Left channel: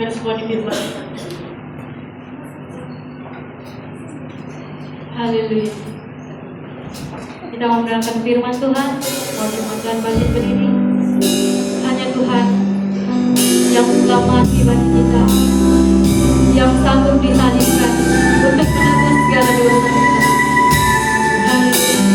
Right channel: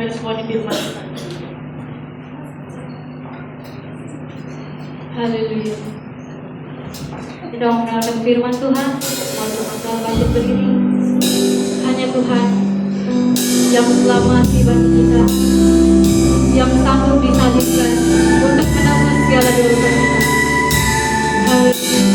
kami responi firman. Haleluya. Kita mengenalkan firman Tuhan. Waktu akan bangkit berdiri. Hanya Tuhan yang selamat bagi kita, yang sanggup disalibkan untuk menanggung segala dosa. Haleluya.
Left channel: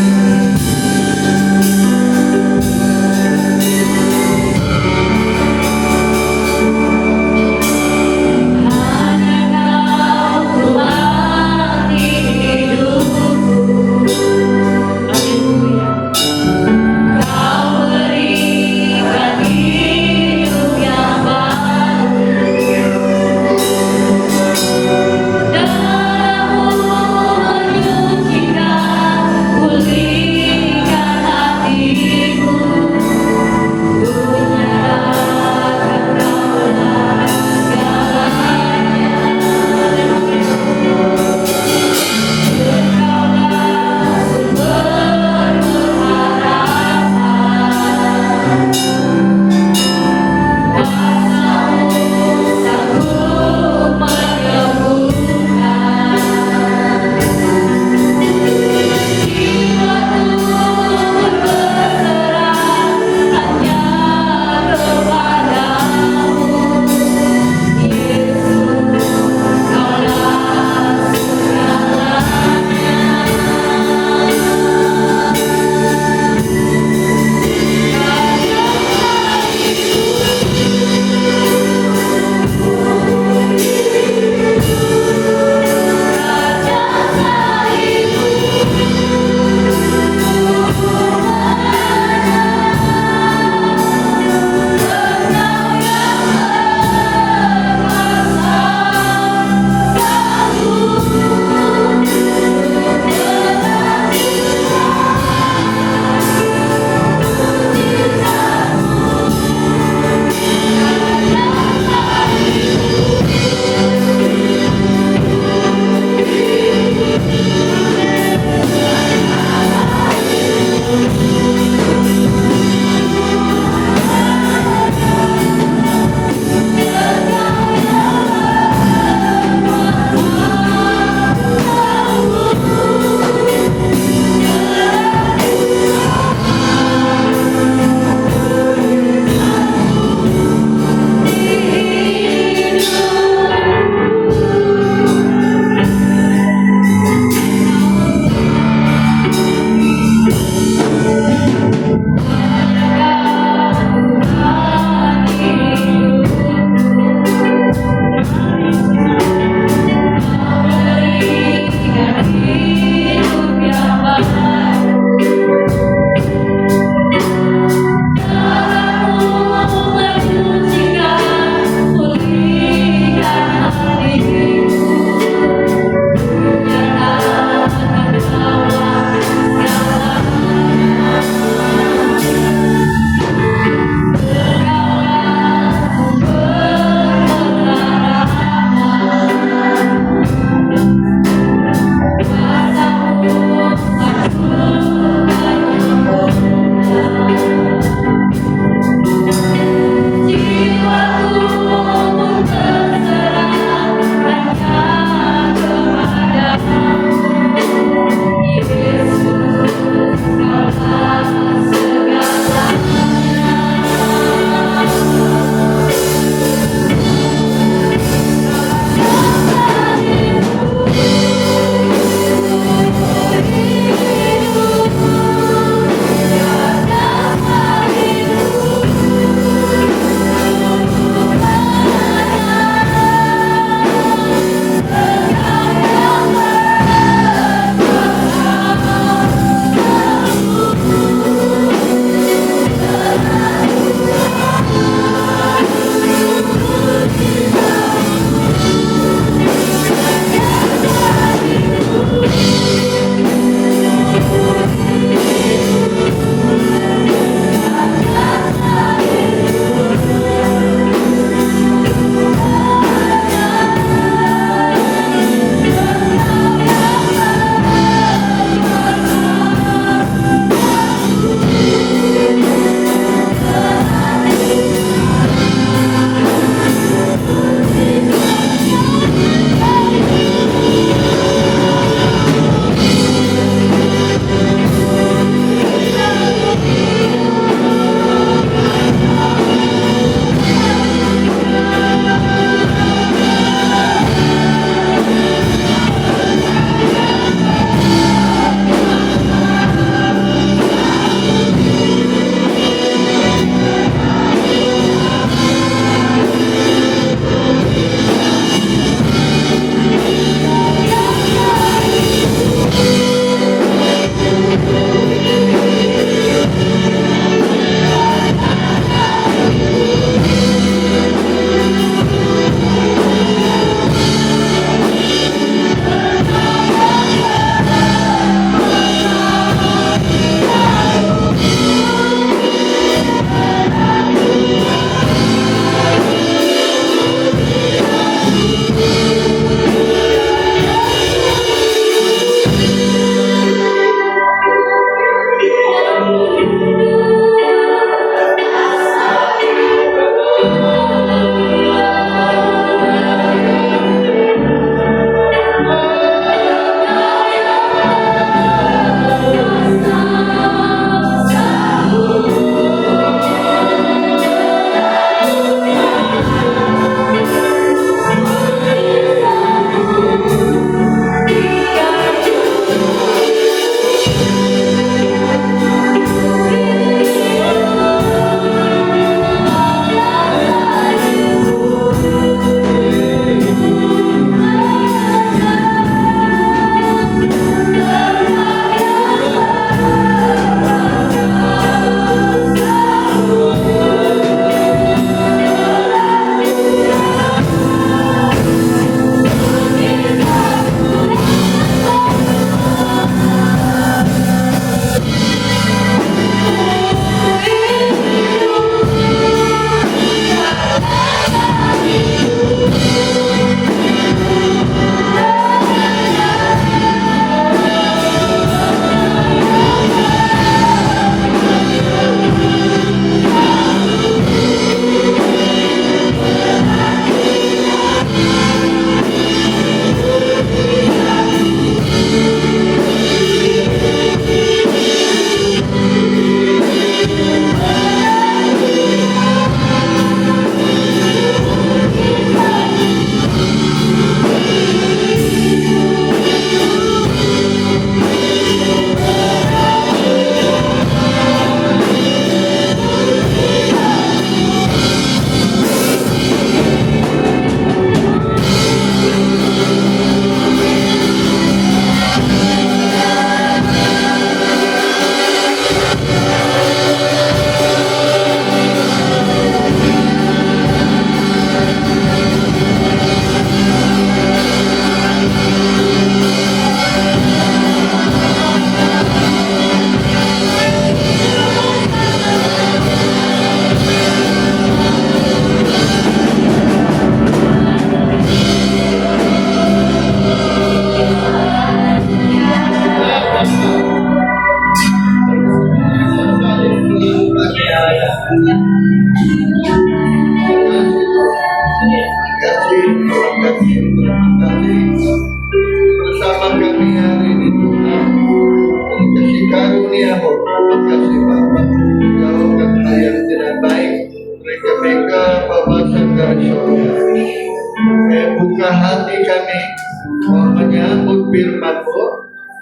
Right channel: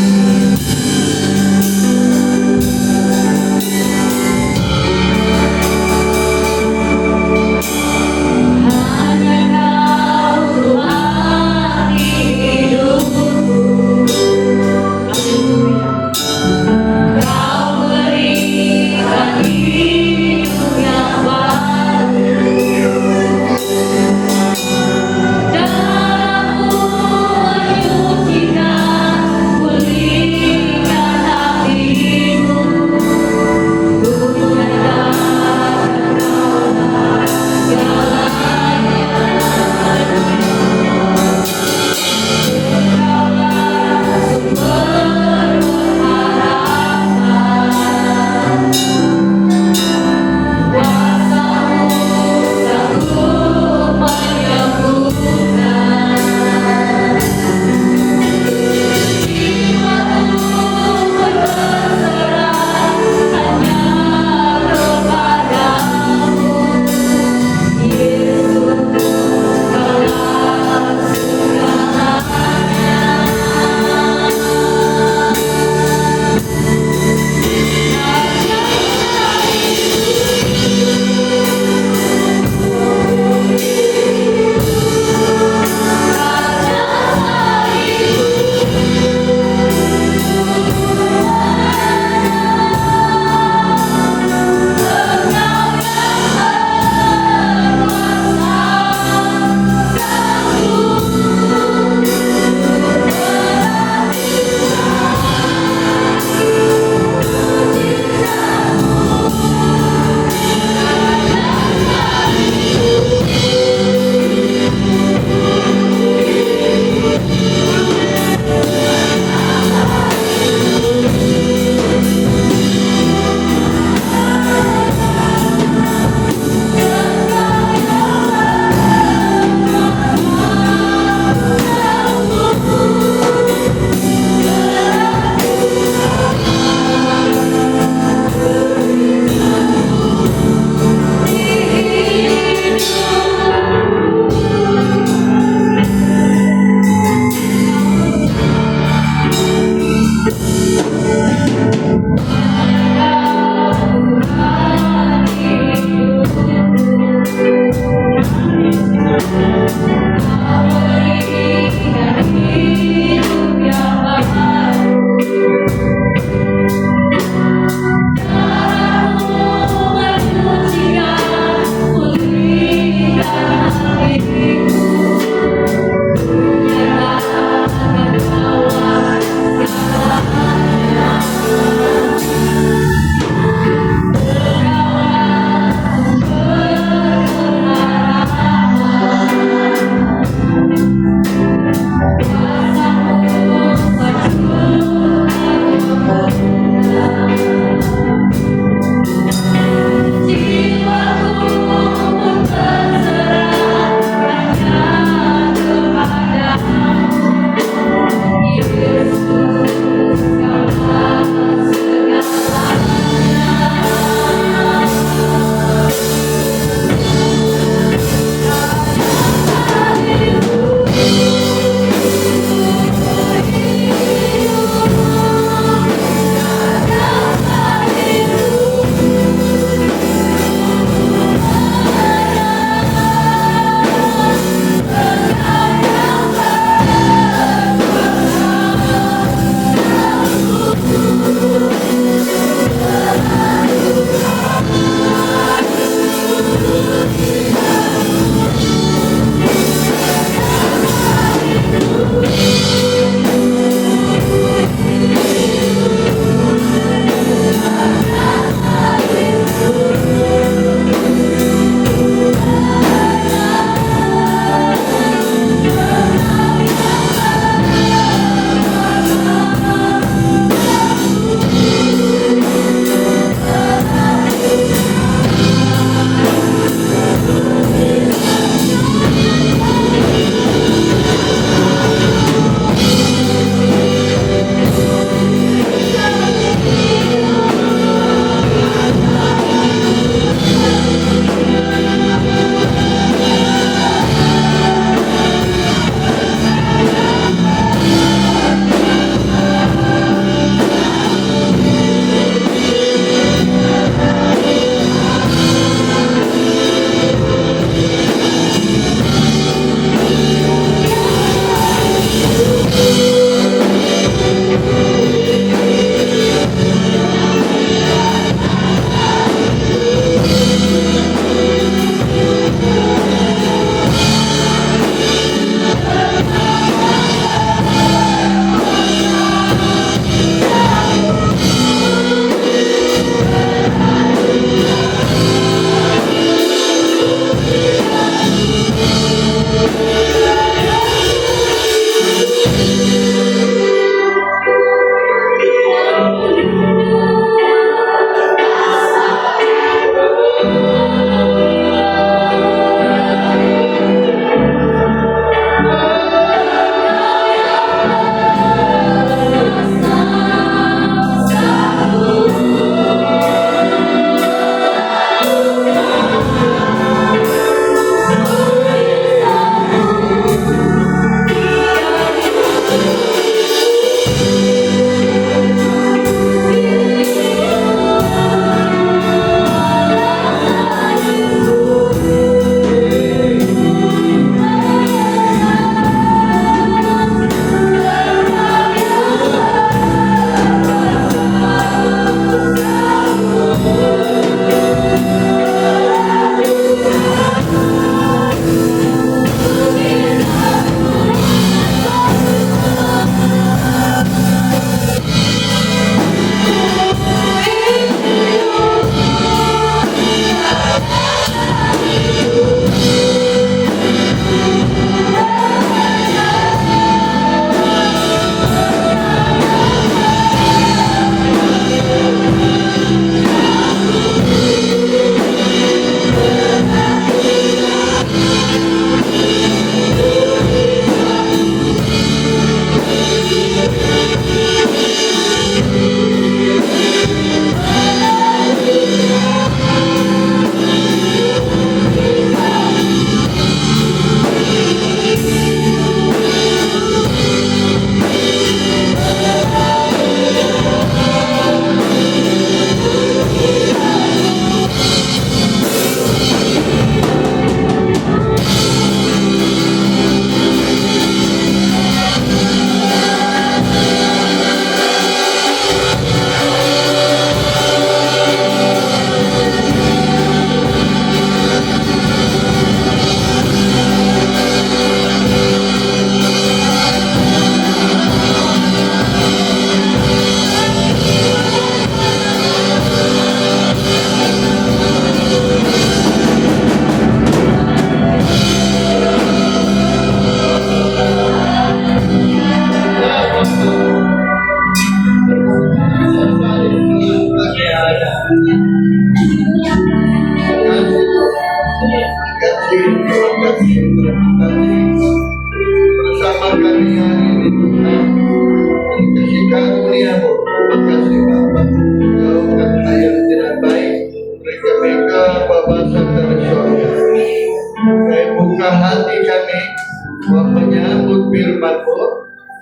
firman-Mu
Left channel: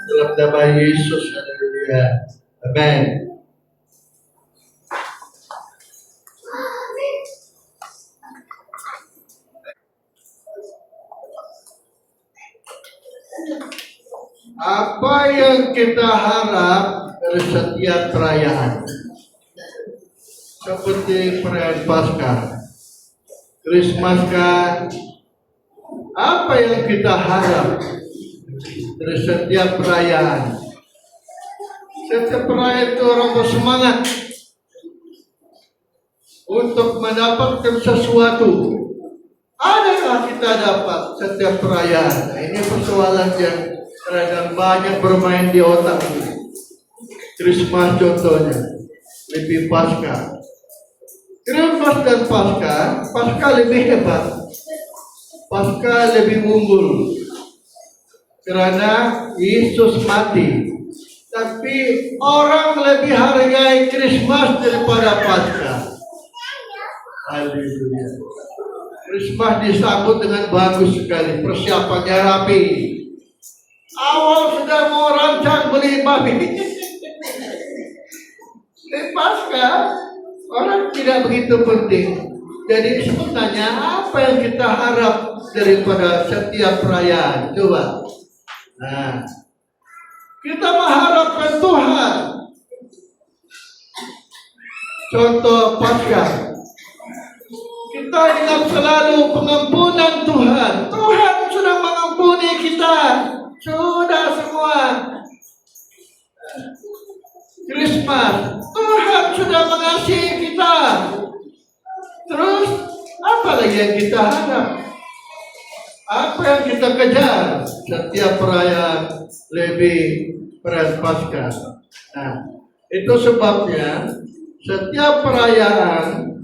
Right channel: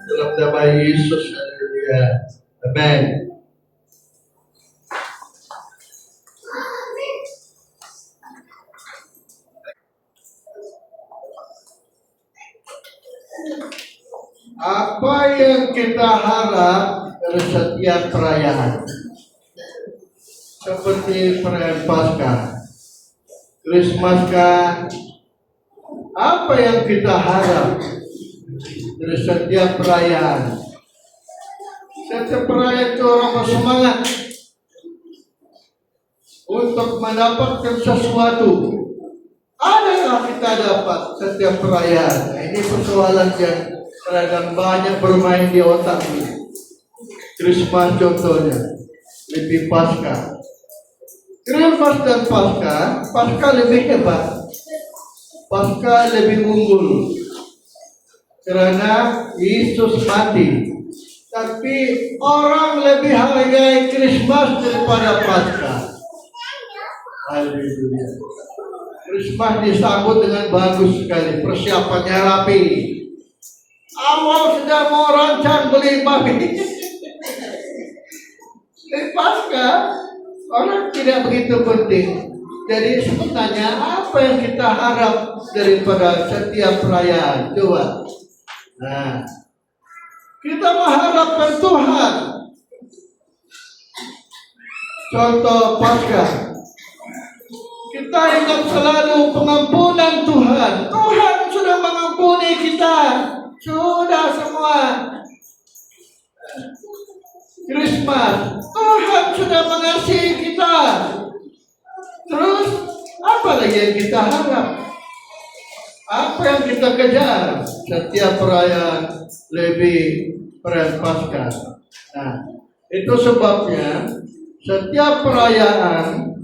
dalam nama Yesus. Haleluya. Amin. Apa yang kita harap dari setiap perayaan? Seperti perayaan Paskah, Krismas kah? Apa yang kita harap dari setiap perayaan? Setiap perayaan itu orang bersemangat untuk mendapatkan sesuatu. Adakah kita dapat setiap perayaan? Nah, ini persoalan yang kadang banyak bermain di otak ini. Krismas contohnya, lebih Paskah. Krismas dan Paskah lebih hebat. Paskah lebih unggul karena Yesus mati. Tapi orang lebih hargai Krismas daripada Paskah. Haleluya. Krismas disambut dengan bagus sekali, persiapannya rapi. Awal sudah mau rancang beli babi. Di Paskah orang tidak begitu penting. Jadi sebenarnya apa yang kita harap daripada setiap perayaan? Coba. Nah, kita mengharapkan Tuhan. Contoh Paskah. Kita ingat selalu pengampunan Tuhan. Tuhan sudah mengampuni kita. Sudah semua. Krismas, Tuhan sudah mengasihi kita. Terus, apa lagi yang kita harap? Apa yang kita kejar? Setiap perayaan lebih perayaan Paskah. Nah, itu sebabnya setiap perayaan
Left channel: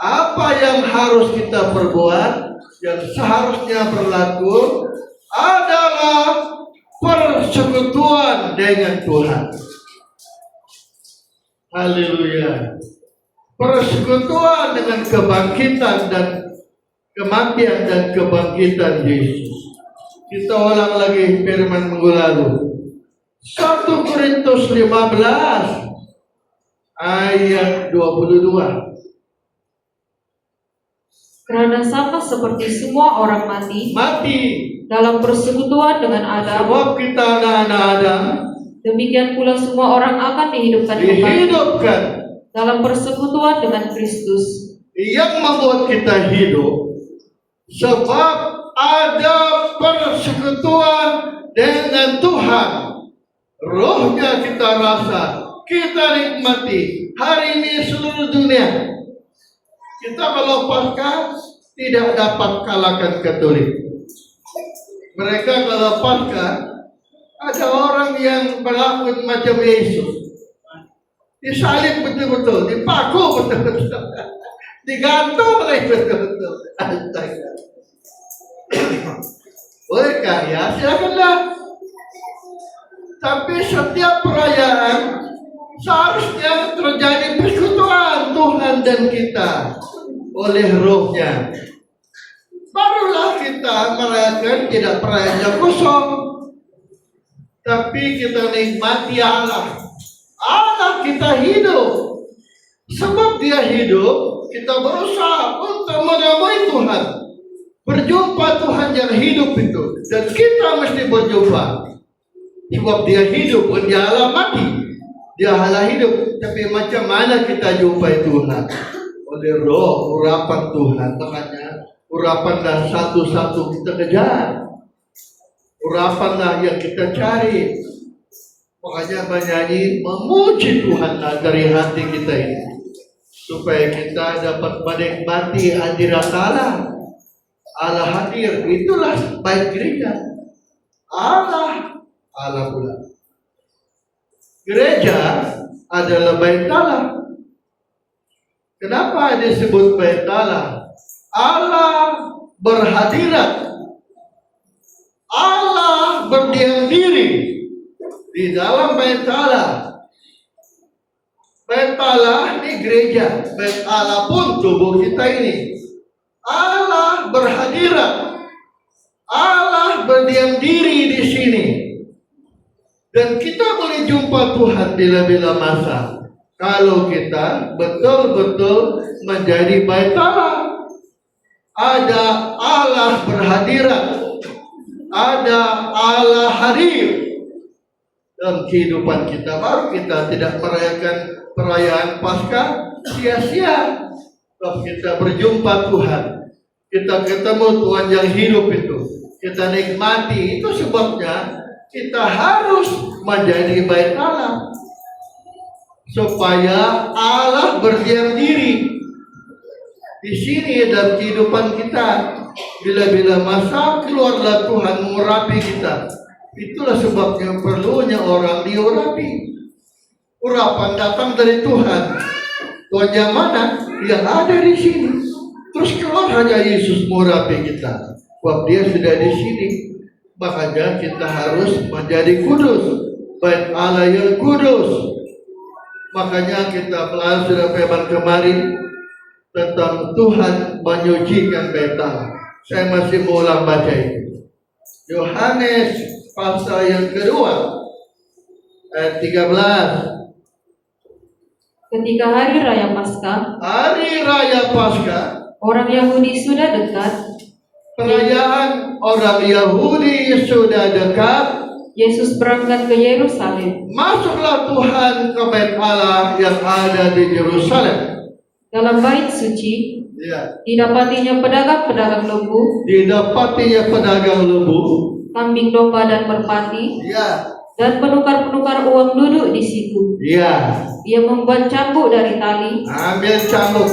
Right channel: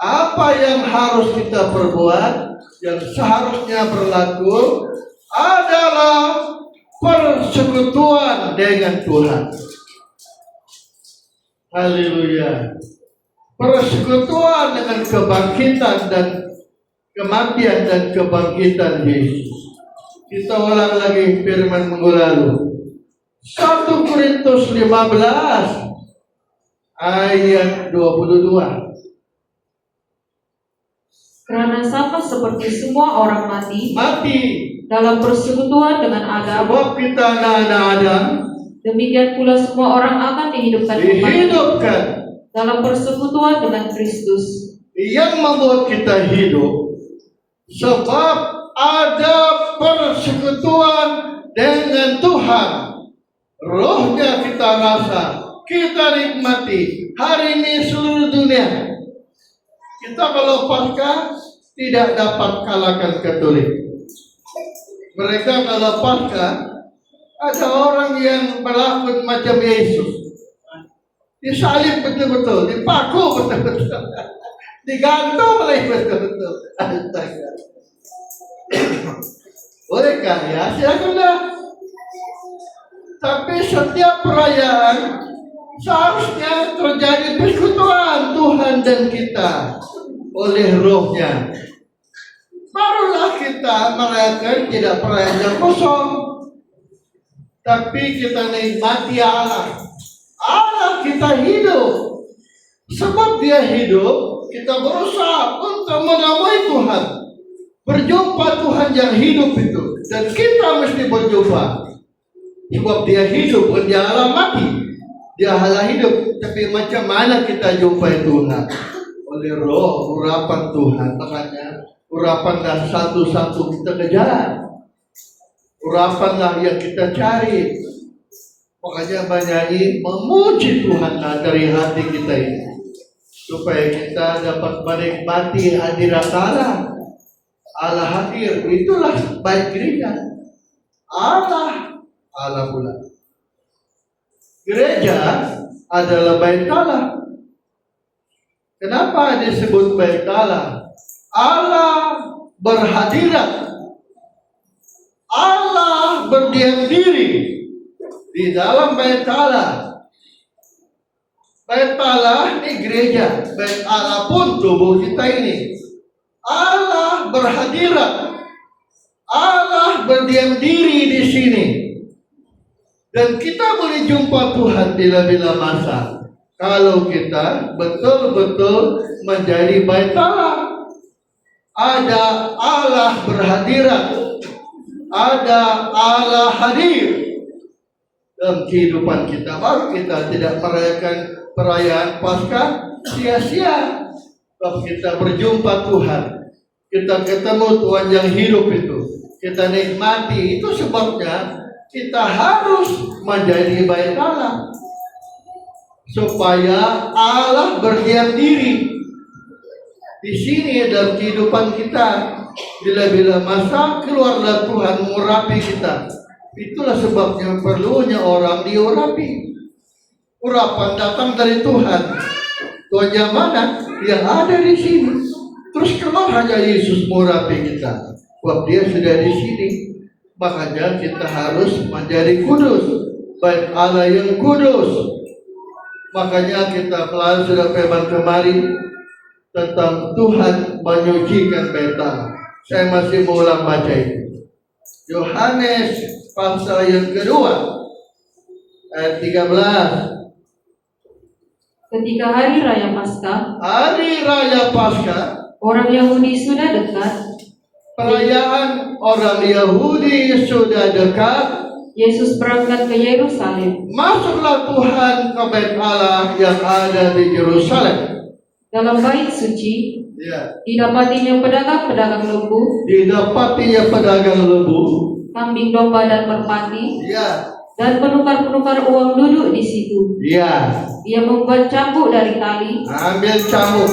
apa yang harus kita perbuat, yang seharusnya berlaku adalah persekutuan dengan Tuhan. Haleluya. Persekutuan dengan kebangkitan dan kematian dan kebangkitan Yesus. Kita ulang lagi firman minggu lalu. 1 Korintus 15 ayat 22. Karena sama seperti semua orang mati dalam persekutuan dengan Adam, sebab kita anak-anak Adam, demikian pula semua orang akan dihidupkan dalam persekutuan dengan Kristus. Yang membuat kita hidup sebab ada persekutuan dengan Tuhan. Rohnya kita rasa, kita nikmati hari ini seluruh dunia. Kita kalau Paskah tidak dapat kalahkan Katolik. Mereka kalau Paskah ada orang yang berlaku macam Yesus. Disalib betul-betul, dipaku betul-betul, digantung lagi betul-betul. Bolehkah ya? Silakanlah. Tapi setiap perayaan seharusnya terjadi persekutuan Tuhan dan kita oleh Rohnya. Barulah kita merayakan tidak perayaan yang kosong, tapi kita nikmati Allah. Allah kita hidup. Sebab Dia hidup, kita berusaha untuk menemui Tuhan. Berjumpa Tuhan yang hidup itu. Dan kita mesti berjumpa. Sebab Dia hidup, bukan Dia Allah mati. Dia Allah hidup. Tapi macam mana kita jumpai Tuhan? Oleh roh, urapan Tuhan. Makanya urapanlah satu-satu kita kejar. Urapanlah yang kita cari. Makanya bernyanyi memuji Tuhan dari hati kita ini. Supaya kita dapat menikmati hadirat Allah. Allah hadir. Itulah baik gereja. Allah pula. Gereja adalah bait Allah. Kenapa disebut bait Allah? Allah berhadirat. Allah berdiam diri di dalam bait Allah. Bait Allah ini gereja. Bait Allah pun tubuh kita ini. Allah berhadirat. Allah berdiam diri di sini. Dan kita boleh jumpa Tuhan bila-bila masa kalau kita betul-betul menjadi bait Allah. Ada Allah berhadirat, ada Allah hadir dalam kehidupan kita. Baru kita tidak merayakan perayaan Paskah sia-sia. Sebab kita berjumpa Tuhan, kita ketemu Tuhan yang hidup itu, kita nikmati. Itu sebabnya kita harus menjadi bait Allah, supaya Allah berdiam diri di sini dalam kehidupan kita. Bila-bila masa keluarlah Tuhan mengurapi kita. Itulah sebabnya perlunya orang diurapi. Urapan datang dari Tuhan. Tuhan yang mana? Yang ada di sini. Terus keluar hanya Yesus mengurapi kita. Sebab dia sudah di sini. Makanya kita harus menjadi kudus, bait Allah yang kudus. Makanya kita pelan sudah firman kemarin tentang Tuhan menyucikan bait Allah. Saya masih mau ulang baca itu. Yohanes pasal yang kedua ayat 13. Ketika hari raya Paskah, orang Yahudi sudah dekat. Perayaan orang Yahudi sudah dekat. Yesus berangkat ke Yerusalem. Masuklah Tuhan ke bait Allah yang ada di Yerusalem. Dalam bait suci, Ya. didapatinya pedagang-pedagang lembu, kambing domba dan merpati, Ya. dan penukar-penukar uang duduk di situ. Ya. Ia membuat cambuk dari tali, Ambil cambuk,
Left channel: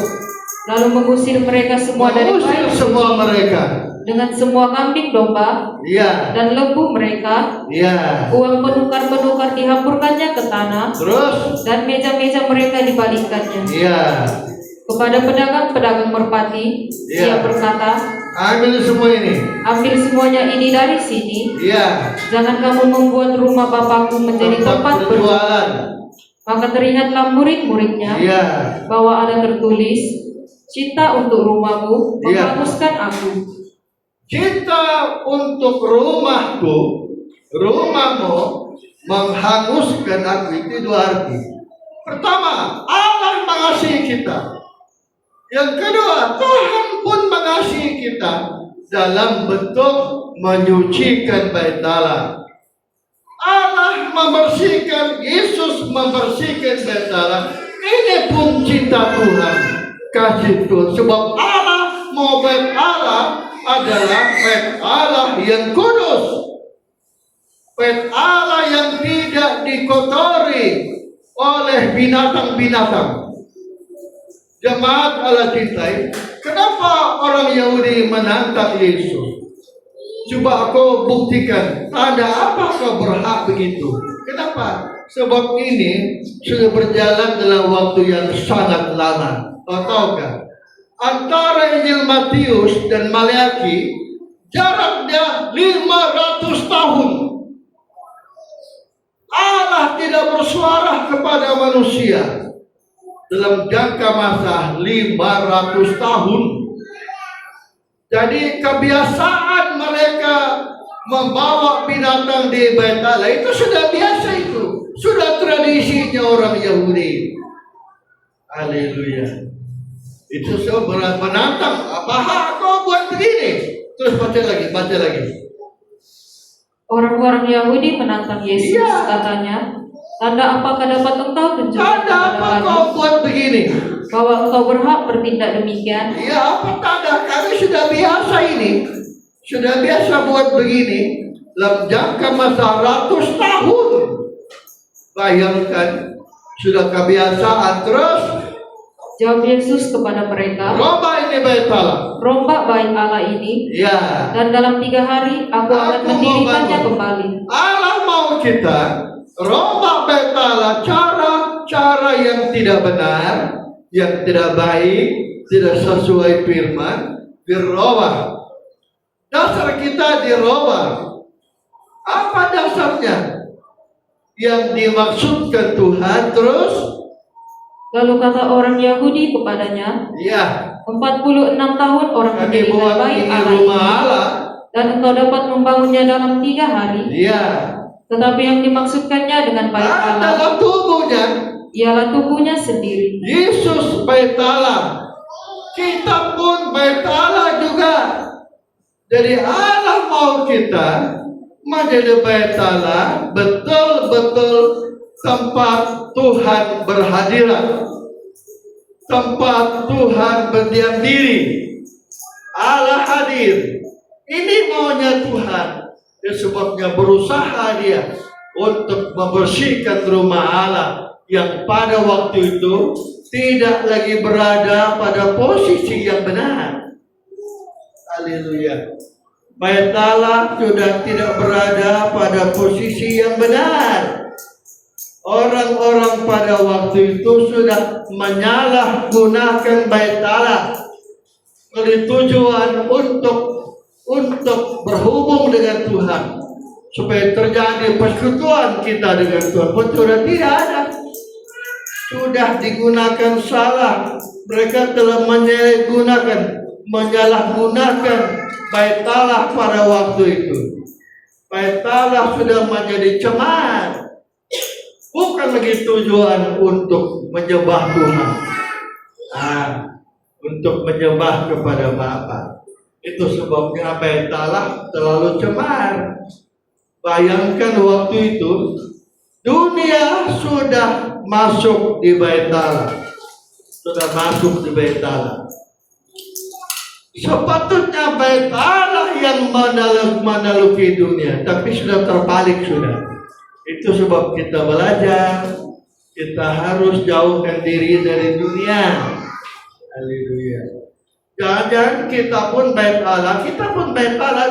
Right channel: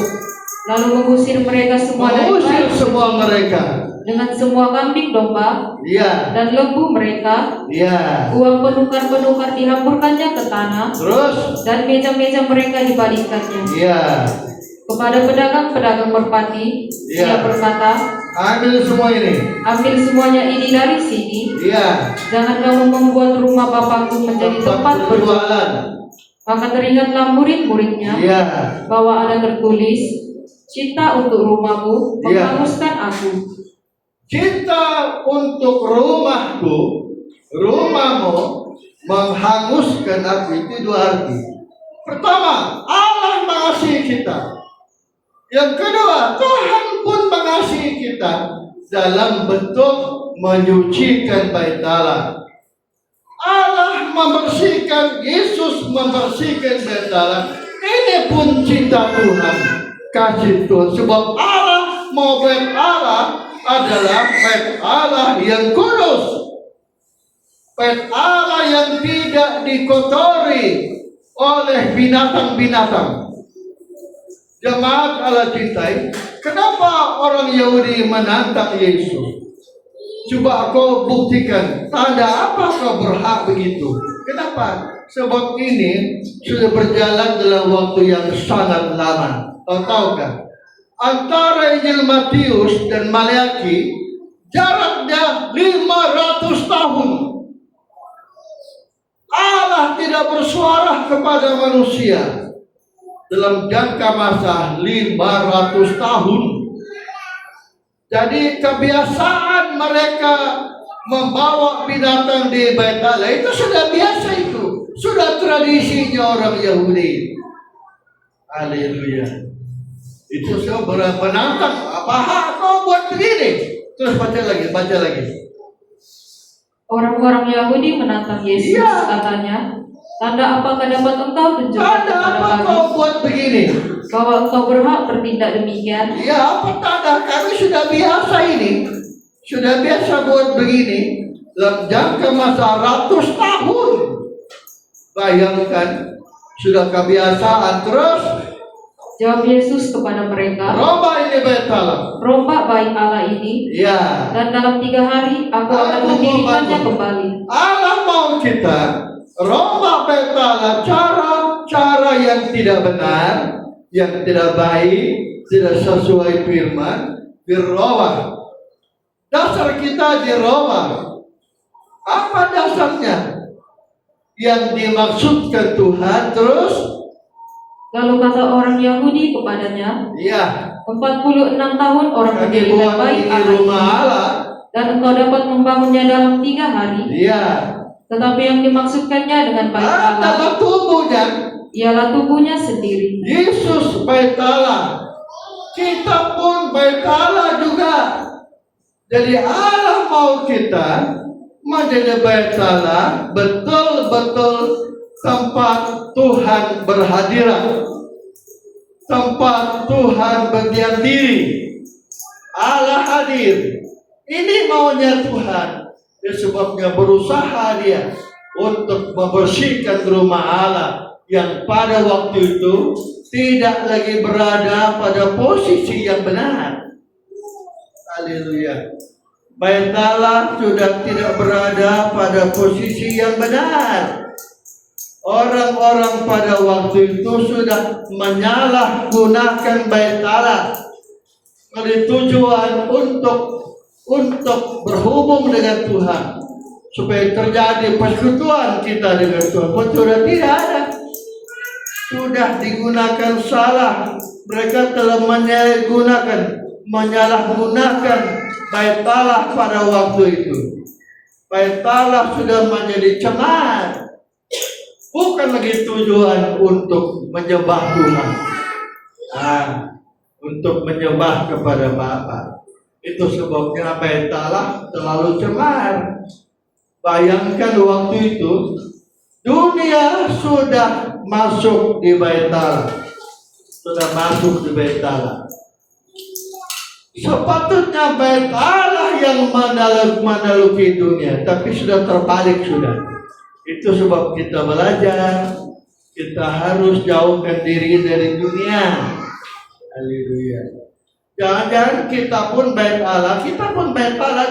lalu mengusir mereka semua dari mengusir bait semua suci, mereka. dengan semua kambing domba Ya. dan lembu mereka. Ya. Uang penukar-penukar dihamburkannya ke tanah, Terus. dan meja-meja mereka dibalikkannya. Ya. Kepada pedagang-pedagang merpati, Ya. ia berkata, Ambil semua ini. ambil semuanya ini dari sini. Ya. Jangan kamu membuat rumah Bapakku menjadi tempat berjualan. berjualan. Maka terlihatlah murid-muridnya Ya. bahwa ada tertulis, cinta untuk rumahmu Ya. menghanguskan aku. Cinta untuk rumahku, rumahmu menghanguskan aku. Itu dua arti. Pertama, Allah mengasihi kita. Yang kedua, Tuhan pun mengasihi kita dalam bentuk menyucikan bait Allah. Allah membersihkan, Yesus membersihkan bait Allah. Ini pun cinta Tuhan, kasih Tuhan. Sebab Allah mau bait Allah adalah bait Allah yang kudus, bait Allah yang tidak dikotori oleh binatang-binatang. Jemaat Allah cintai, kenapa orang Yahudi menantang Yesus? Coba kau buktikan, tanda apa kau berhak begitu? Kenapa? Sebab ini sudah berjalan dalam waktu yang sangat lama. Tahukah? Antara Injil Matius dan Maleaki jaraknya 500 tahun. Allah tidak bersuara kepada manusia dalam jangka masa 500 tahun. Jadi kebiasaan mereka membawa binatang di bait Allah itu sudah biasa, itu sudah tradisinya orang Yahudi. Haleluya. Itu seberapa menantang, apa hak kau buat begini? Terus baca lagi. Orang-orang Yahudi menantang Yesus, Iya. katanya, tanda apakah dapat engkau tunjukkan Tanda kepada apa kami kau buat begini? bahwa engkau berhak bertindak demikian? Ya, apa tanda? Kami sudah biasa ini. Sudah biasa buat begini. Dalam jangka masa ratus tahun. Bayangkan, sudah kebiasaan. Terus, Jawab Yesus kepada mereka, rombak ini bait Allah. rombak bait Allah ini, Ya, dan dalam 3 hari aku akan Aku mendirikannya mau kembali. Allah mau kita rombak bait Allah, cara yang tidak benar, yang tidak baik, tidak sesuai firman, dirobah. Dasar kita dirobah. Apa dasarnya? Yang dimaksudkan Tuhan. Terus, Lalu kata orang Yahudi kepadanya, ya, 46 tahun orang kami mendirikan buat bait ini Allah rumah ini, Allah. dan engkau dapat membangunnya dalam 3 hari. Ya, Tetapi yang dimaksudkannya dengan bait Allah dalam tubuhnya ialah tubuhnya sendiri. Yesus bait Allah. Kita pun bait Allah juga. Jadi Allah mau kita menjadi bait Allah, betul-betul tempat Tuhan berhadirat, tempat Tuhan berdiam diri. Allah hadir. Ini maunya Tuhan. Sebabnya berusaha dia untuk membersihkan rumah Allah yang pada waktu itu tidak lagi berada pada posisi yang benar. Haleluya. Bait Allah sudah tidak berada pada posisi yang benar. Orang-orang pada waktu itu sudah menyalahgunakan bait Allah oleh tujuan untuk berhubung dengan Tuhan, supaya terjadi persekutuan kita dengan Tuhan. Sudah tidak ada. Sudah digunakan salah. Mereka telah menyalahgunakan bait Allah pada waktu itu. Bait Allah sudah menjadi cemar. Bukan lagi tujuan untuk menyembah Tuhan, untuk menyembah kepada Bapa. Itu sebabnya bait Allah terlalu cemar. Bayangkan waktu itu dunia sudah masuk di bait Allah, sudah masuk di bait Allah. Sepatutnya bait Allah yang menaluki dunia, tapi sudah terbalik sudah. Itu sebab kita belajar, kita harus jauhkan diri dari dunia. Haleluya. Jangan kita pun bait Allah,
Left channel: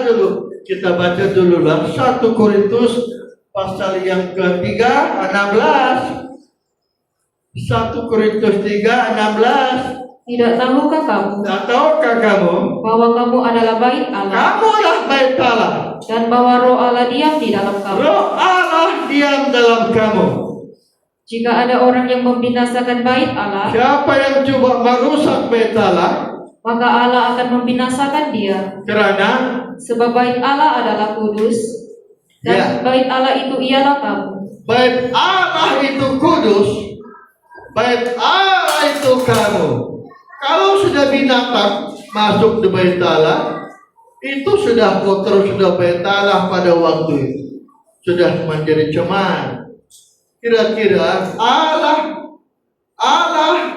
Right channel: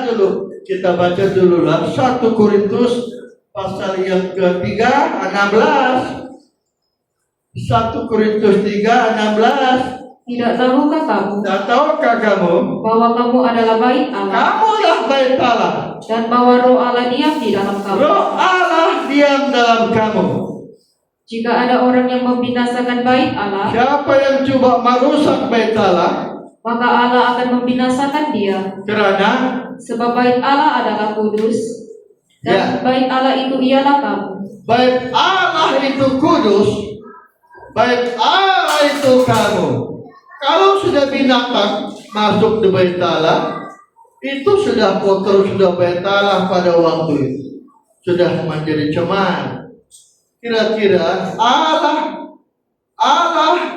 dulu. Kita baca dulu lah 1 Korintus pasal yang ketiga 16. 1 Korintus 3:16. Tidak tahukah kamu bahwa kamu adalah bait Allah? Kamulah bait Allah. Dan bahwa Roh Allah diam di dalam kamu. Roh Allah diam dalam kamu. Jika ada orang yang membinasakan bait Allah, siapa yang coba merusak bait Allah, maka Allah akan membinasakan dia. Kerana sebab bait Allah adalah kudus, dan bait Allah itu ialah kamu. Bait Allah itu kudus, bait Allah itu kamu. Kalau sudah binatang masuk di bait Allah, itu sudah kotor, sudah bait Allah pada waktu itu, sudah menjadi cemar. Kira-kira Allah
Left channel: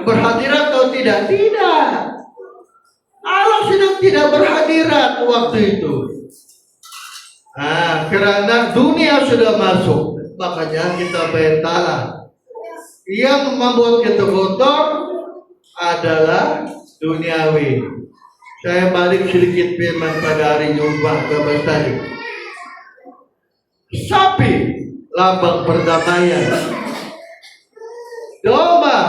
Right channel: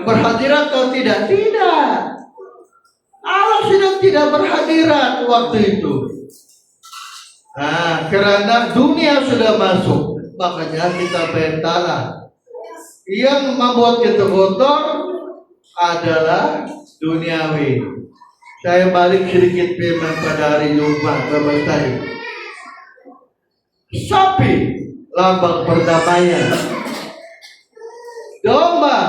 berhadirat atau tidak? Tidak. Allah sudah tidak berhadirat waktu itu. Karena dunia sudah masuk, makanya kita bait Allah. Yang membuat kita kotor adalah duniawi. Saya balik sedikit firman pada hari Jumat 12 tadi. Sapi, lambang perdamaian. Domba,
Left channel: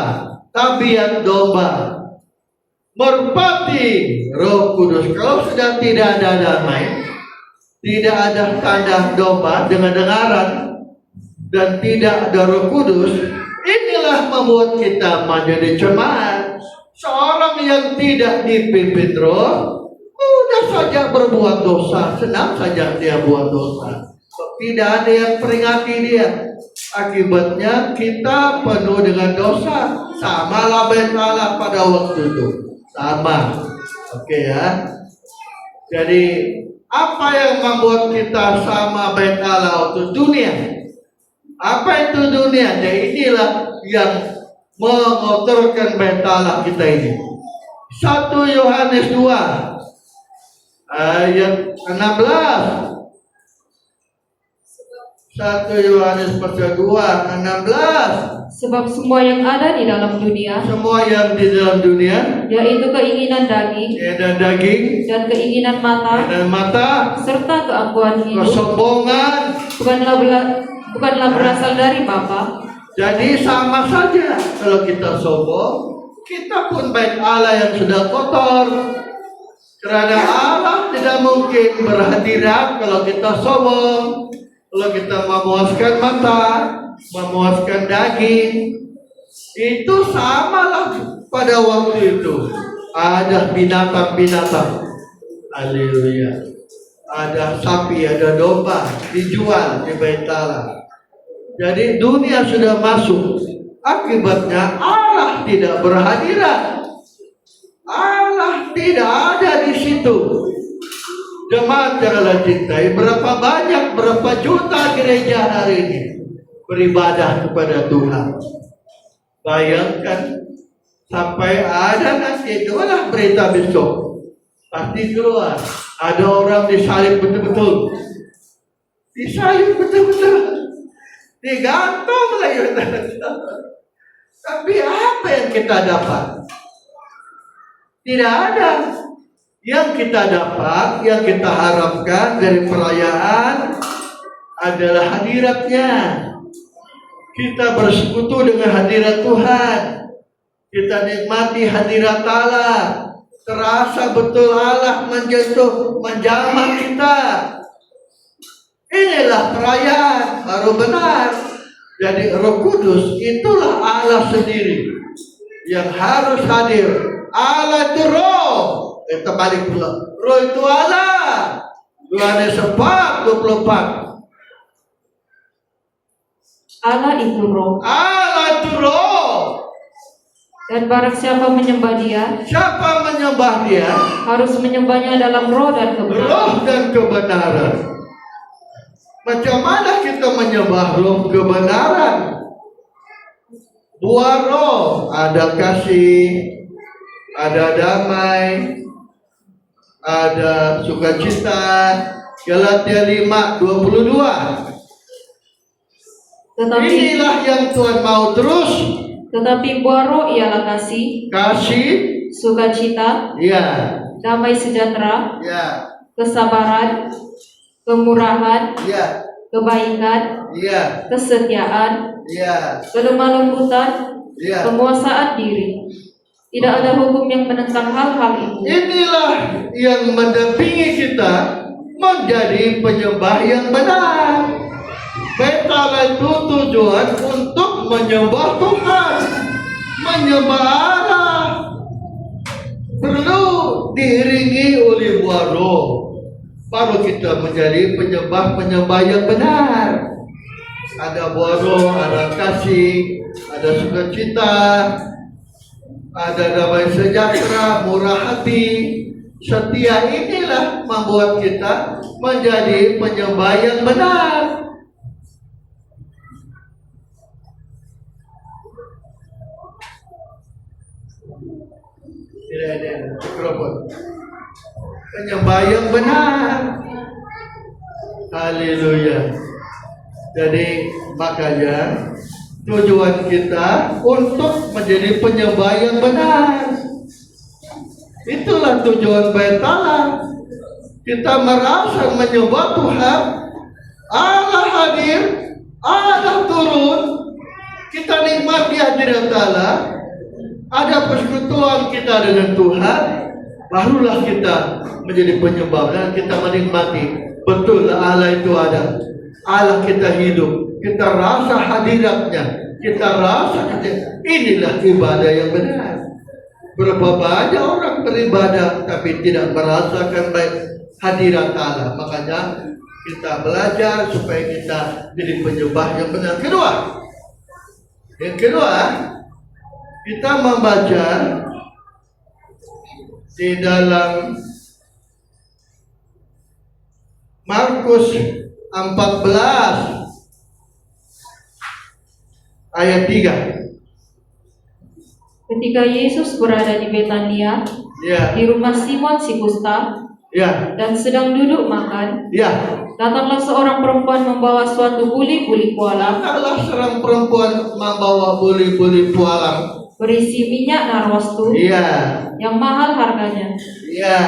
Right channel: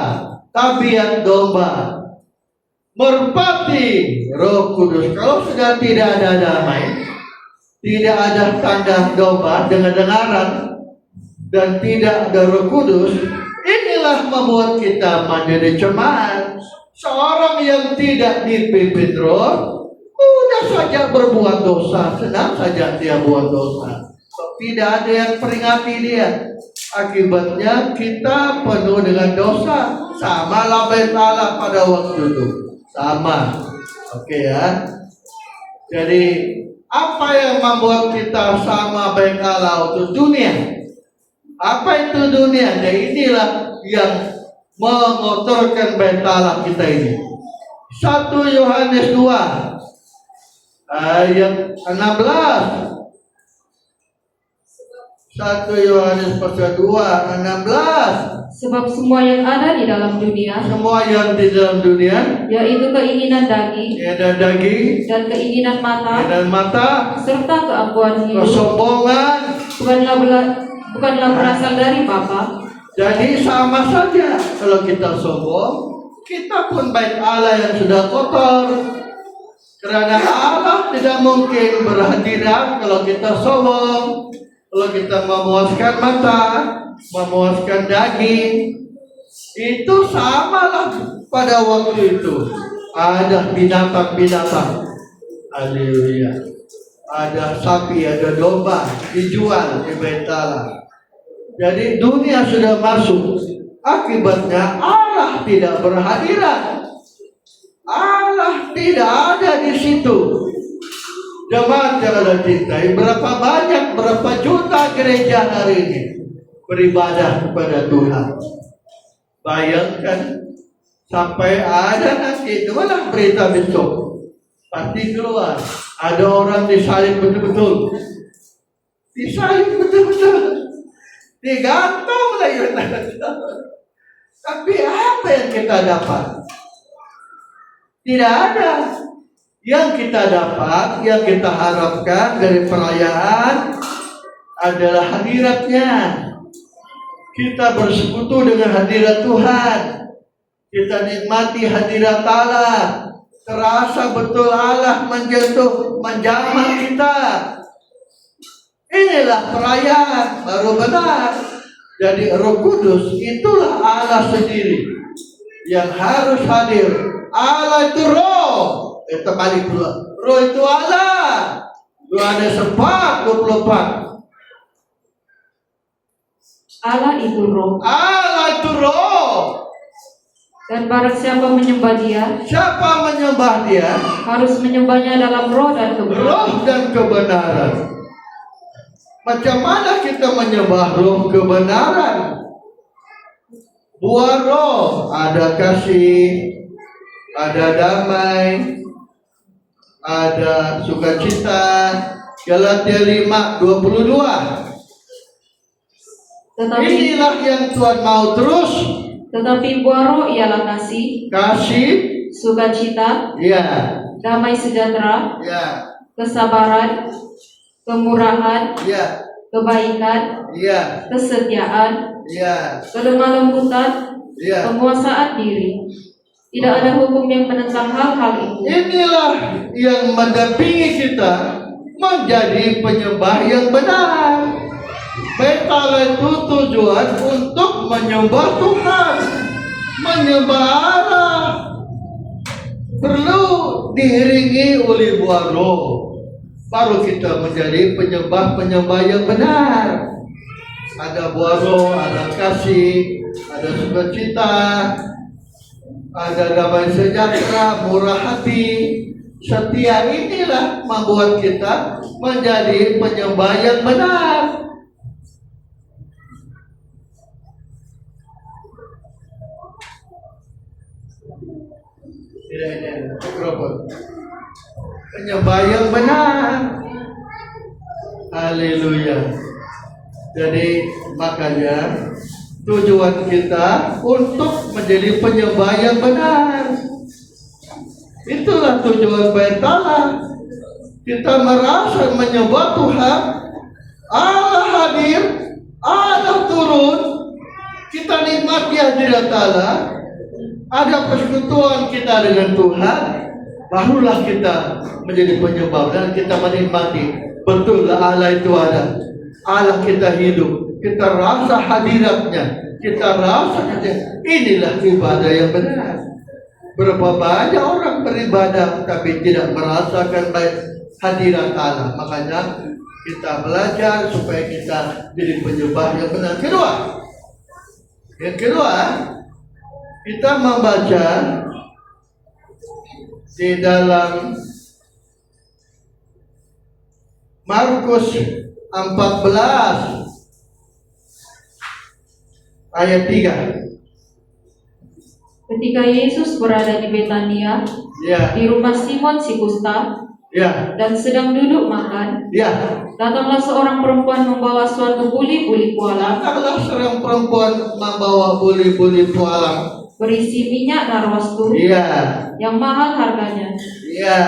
tabiat domba. Merpati, Roh Kudus. Kalau sudah tidak ada damai, tidak ada tanda domba dengan dengaran, dan tidak ada Roh Kudus, inilah membuat kita menjadi cemar. Seorang yang tidak dipimpin Roh, mudah saja berbuat dosa, senang saja dia buat dosa. Tidak ada yang peringati dia. Akibatnya kita penuh dengan dosa. Sama lah bait Allah pada waktu itu. Sama. Oke ya. Jadi apa yang membuat kita sama bait Allah untuk dunia? Apa itu dunia? Dan inilah yang mengotorkan bait Allah kita ini. 1 Yohanes 2 ayat 16. 1 Yohanes pasal 2 16. Sebab semua yang ada di dalam dunia, semua yang di dalam dunia, yaitu keinginan daging, dan keinginan mata, serta keangkuhan hidup, kesombongan, bukanlah berasal dari Bapa. Jadi sama saja kalau kita sombong, kita pun bait Allah yang sudah kotor. Karena Allah tidak mungkin berhadirat kalau kita sombong. Kalau kita memuaskan mata, memuaskan daging, itu samalah pada waktu itu. Ada binatang-binatang. Haleluya. ada sapi, ada domba dijual di Bait Allah. Jadi dunia sudah masuk. Akibatnya Allah tidak berhadirat. Allah tidak ada di situ. Jemaat yang Allah cintai, berapa banyak, berapa juta gereja hari ini beribadah kepada Tuhan. Bayangkan sampai ada nanti, itulah berita besok. Pasti keluar, ada orang disalib betul-betul. Disalib betul-betul. Digantung lagi. Tapi apa yang kita dapat? Tidak ada. Yang kita dapat, yang kita harapkan dari perayaan adalah hadiratnya. Kita bersekutu dengan hadirat Tuhan. Kita nikmati hadirat Allah. Terasa betul Allah menyentuh, menjamah kita. Inilah perayaan baru benar. Jadi Roh Kudus itulah Allah sendiri yang harus hadir. Allah itu Roh. Kita balik pula. Roh itu Allah. Yohanes 4:24. Allah itu roh. Allah itu Roh. Dan barang siapa menyembah Dia, Siapa menyembah Dia? harus menyembahnya dalam roh dan kebenaran. Roh dan kebenaran. Macam mana kita menyembah roh kebenaran? Buah roh, ada kasih, ada damai, ada sukacita. Galatia 5:22. Inilah yang Tuhan mau terus. Tetapi buah roh ialah kasih, sukacita, ya, damai sejahtera, ya, kesabaran, kemurahan, ya, kebaikan, ya, kesetiaan, ya, kelemah lembutan, ya. penguasaan diri. Tidak ada hukum yang menentang hal-hal itu. Inilah yang mendampingi kita menjadi penyembah yang benar. Bait Allah itu tujuan untuk menyembah Tuhan, menyembah Allah. Perlu diiringi oleh buah roh. Baru kita menjadi penyembah-penyembah yang benar. Ada buah roh, ada kasih, ada sukacita, ada damai sejahtera, murah hati, setia. Inilah membuat kita menjadi penyembah yang benar. Tidak, mikrofon. Penyembah yang benar. Haleluya. Jadi makanya tujuan kita untuk menjadi penyembah yang benar. Itulah tujuan Bait Allah. Kita merasa menyembah Tuhan. Allah hadir, Allah turun. Kita nikmati hadirat Allah. Ada persekutuan kita dengan Tuhan. Barulah kita menjadi penyembah dan kita menikmati betul Allah itu ada. Allah kita hidup, kita rasa hadiratnya, kita rasa inilah ibadah yang benar. Berapa banyak orang beribadah tapi tidak merasakan baik hadirat Allah. Makanya kita belajar supaya kita jadi penyembah yang benar. Yang kedua, kita membaca di dalam Markus 14 ayat 3. Ketika Yesus berada di Betania, Ya, di rumah Simon si kusta, ya, dan sedang duduk makan, ya. datanglah seorang perempuan membawa suatu buli-buli pualam Datanglah seorang perempuan membawa buli-buli pualam. berisi minyak narwastu Iya, yang mahal harganya. iya,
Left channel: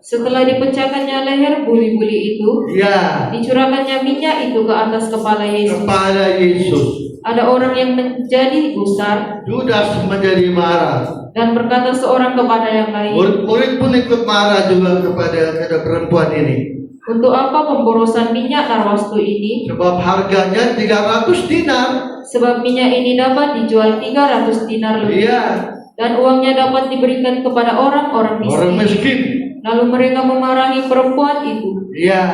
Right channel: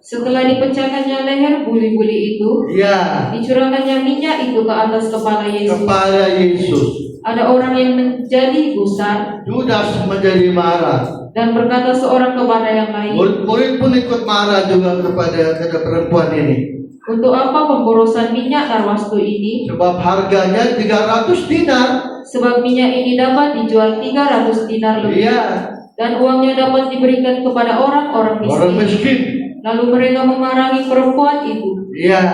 Setelah dipecahkannya leher buli-buli itu, iya. dicurahkannya minyak itu ke atas kepala Yesus. Kepada Yesus. Ada orang yang menjadi gusar Judas menjadi marah. dan berkata seorang kepada yang lain, Murid-murid pun ikut marah juga kepada perempuan ini. untuk apa pemborosan minyak narwastu ini? Sebab harganya 300 dinar. Sebab minyak ini dapat dijual 300 dinar lebih, Iya, dan uangnya dapat diberikan kepada orang-orang orang miskin. miskin. Lalu mereka memarahi perempuan itu. Ya,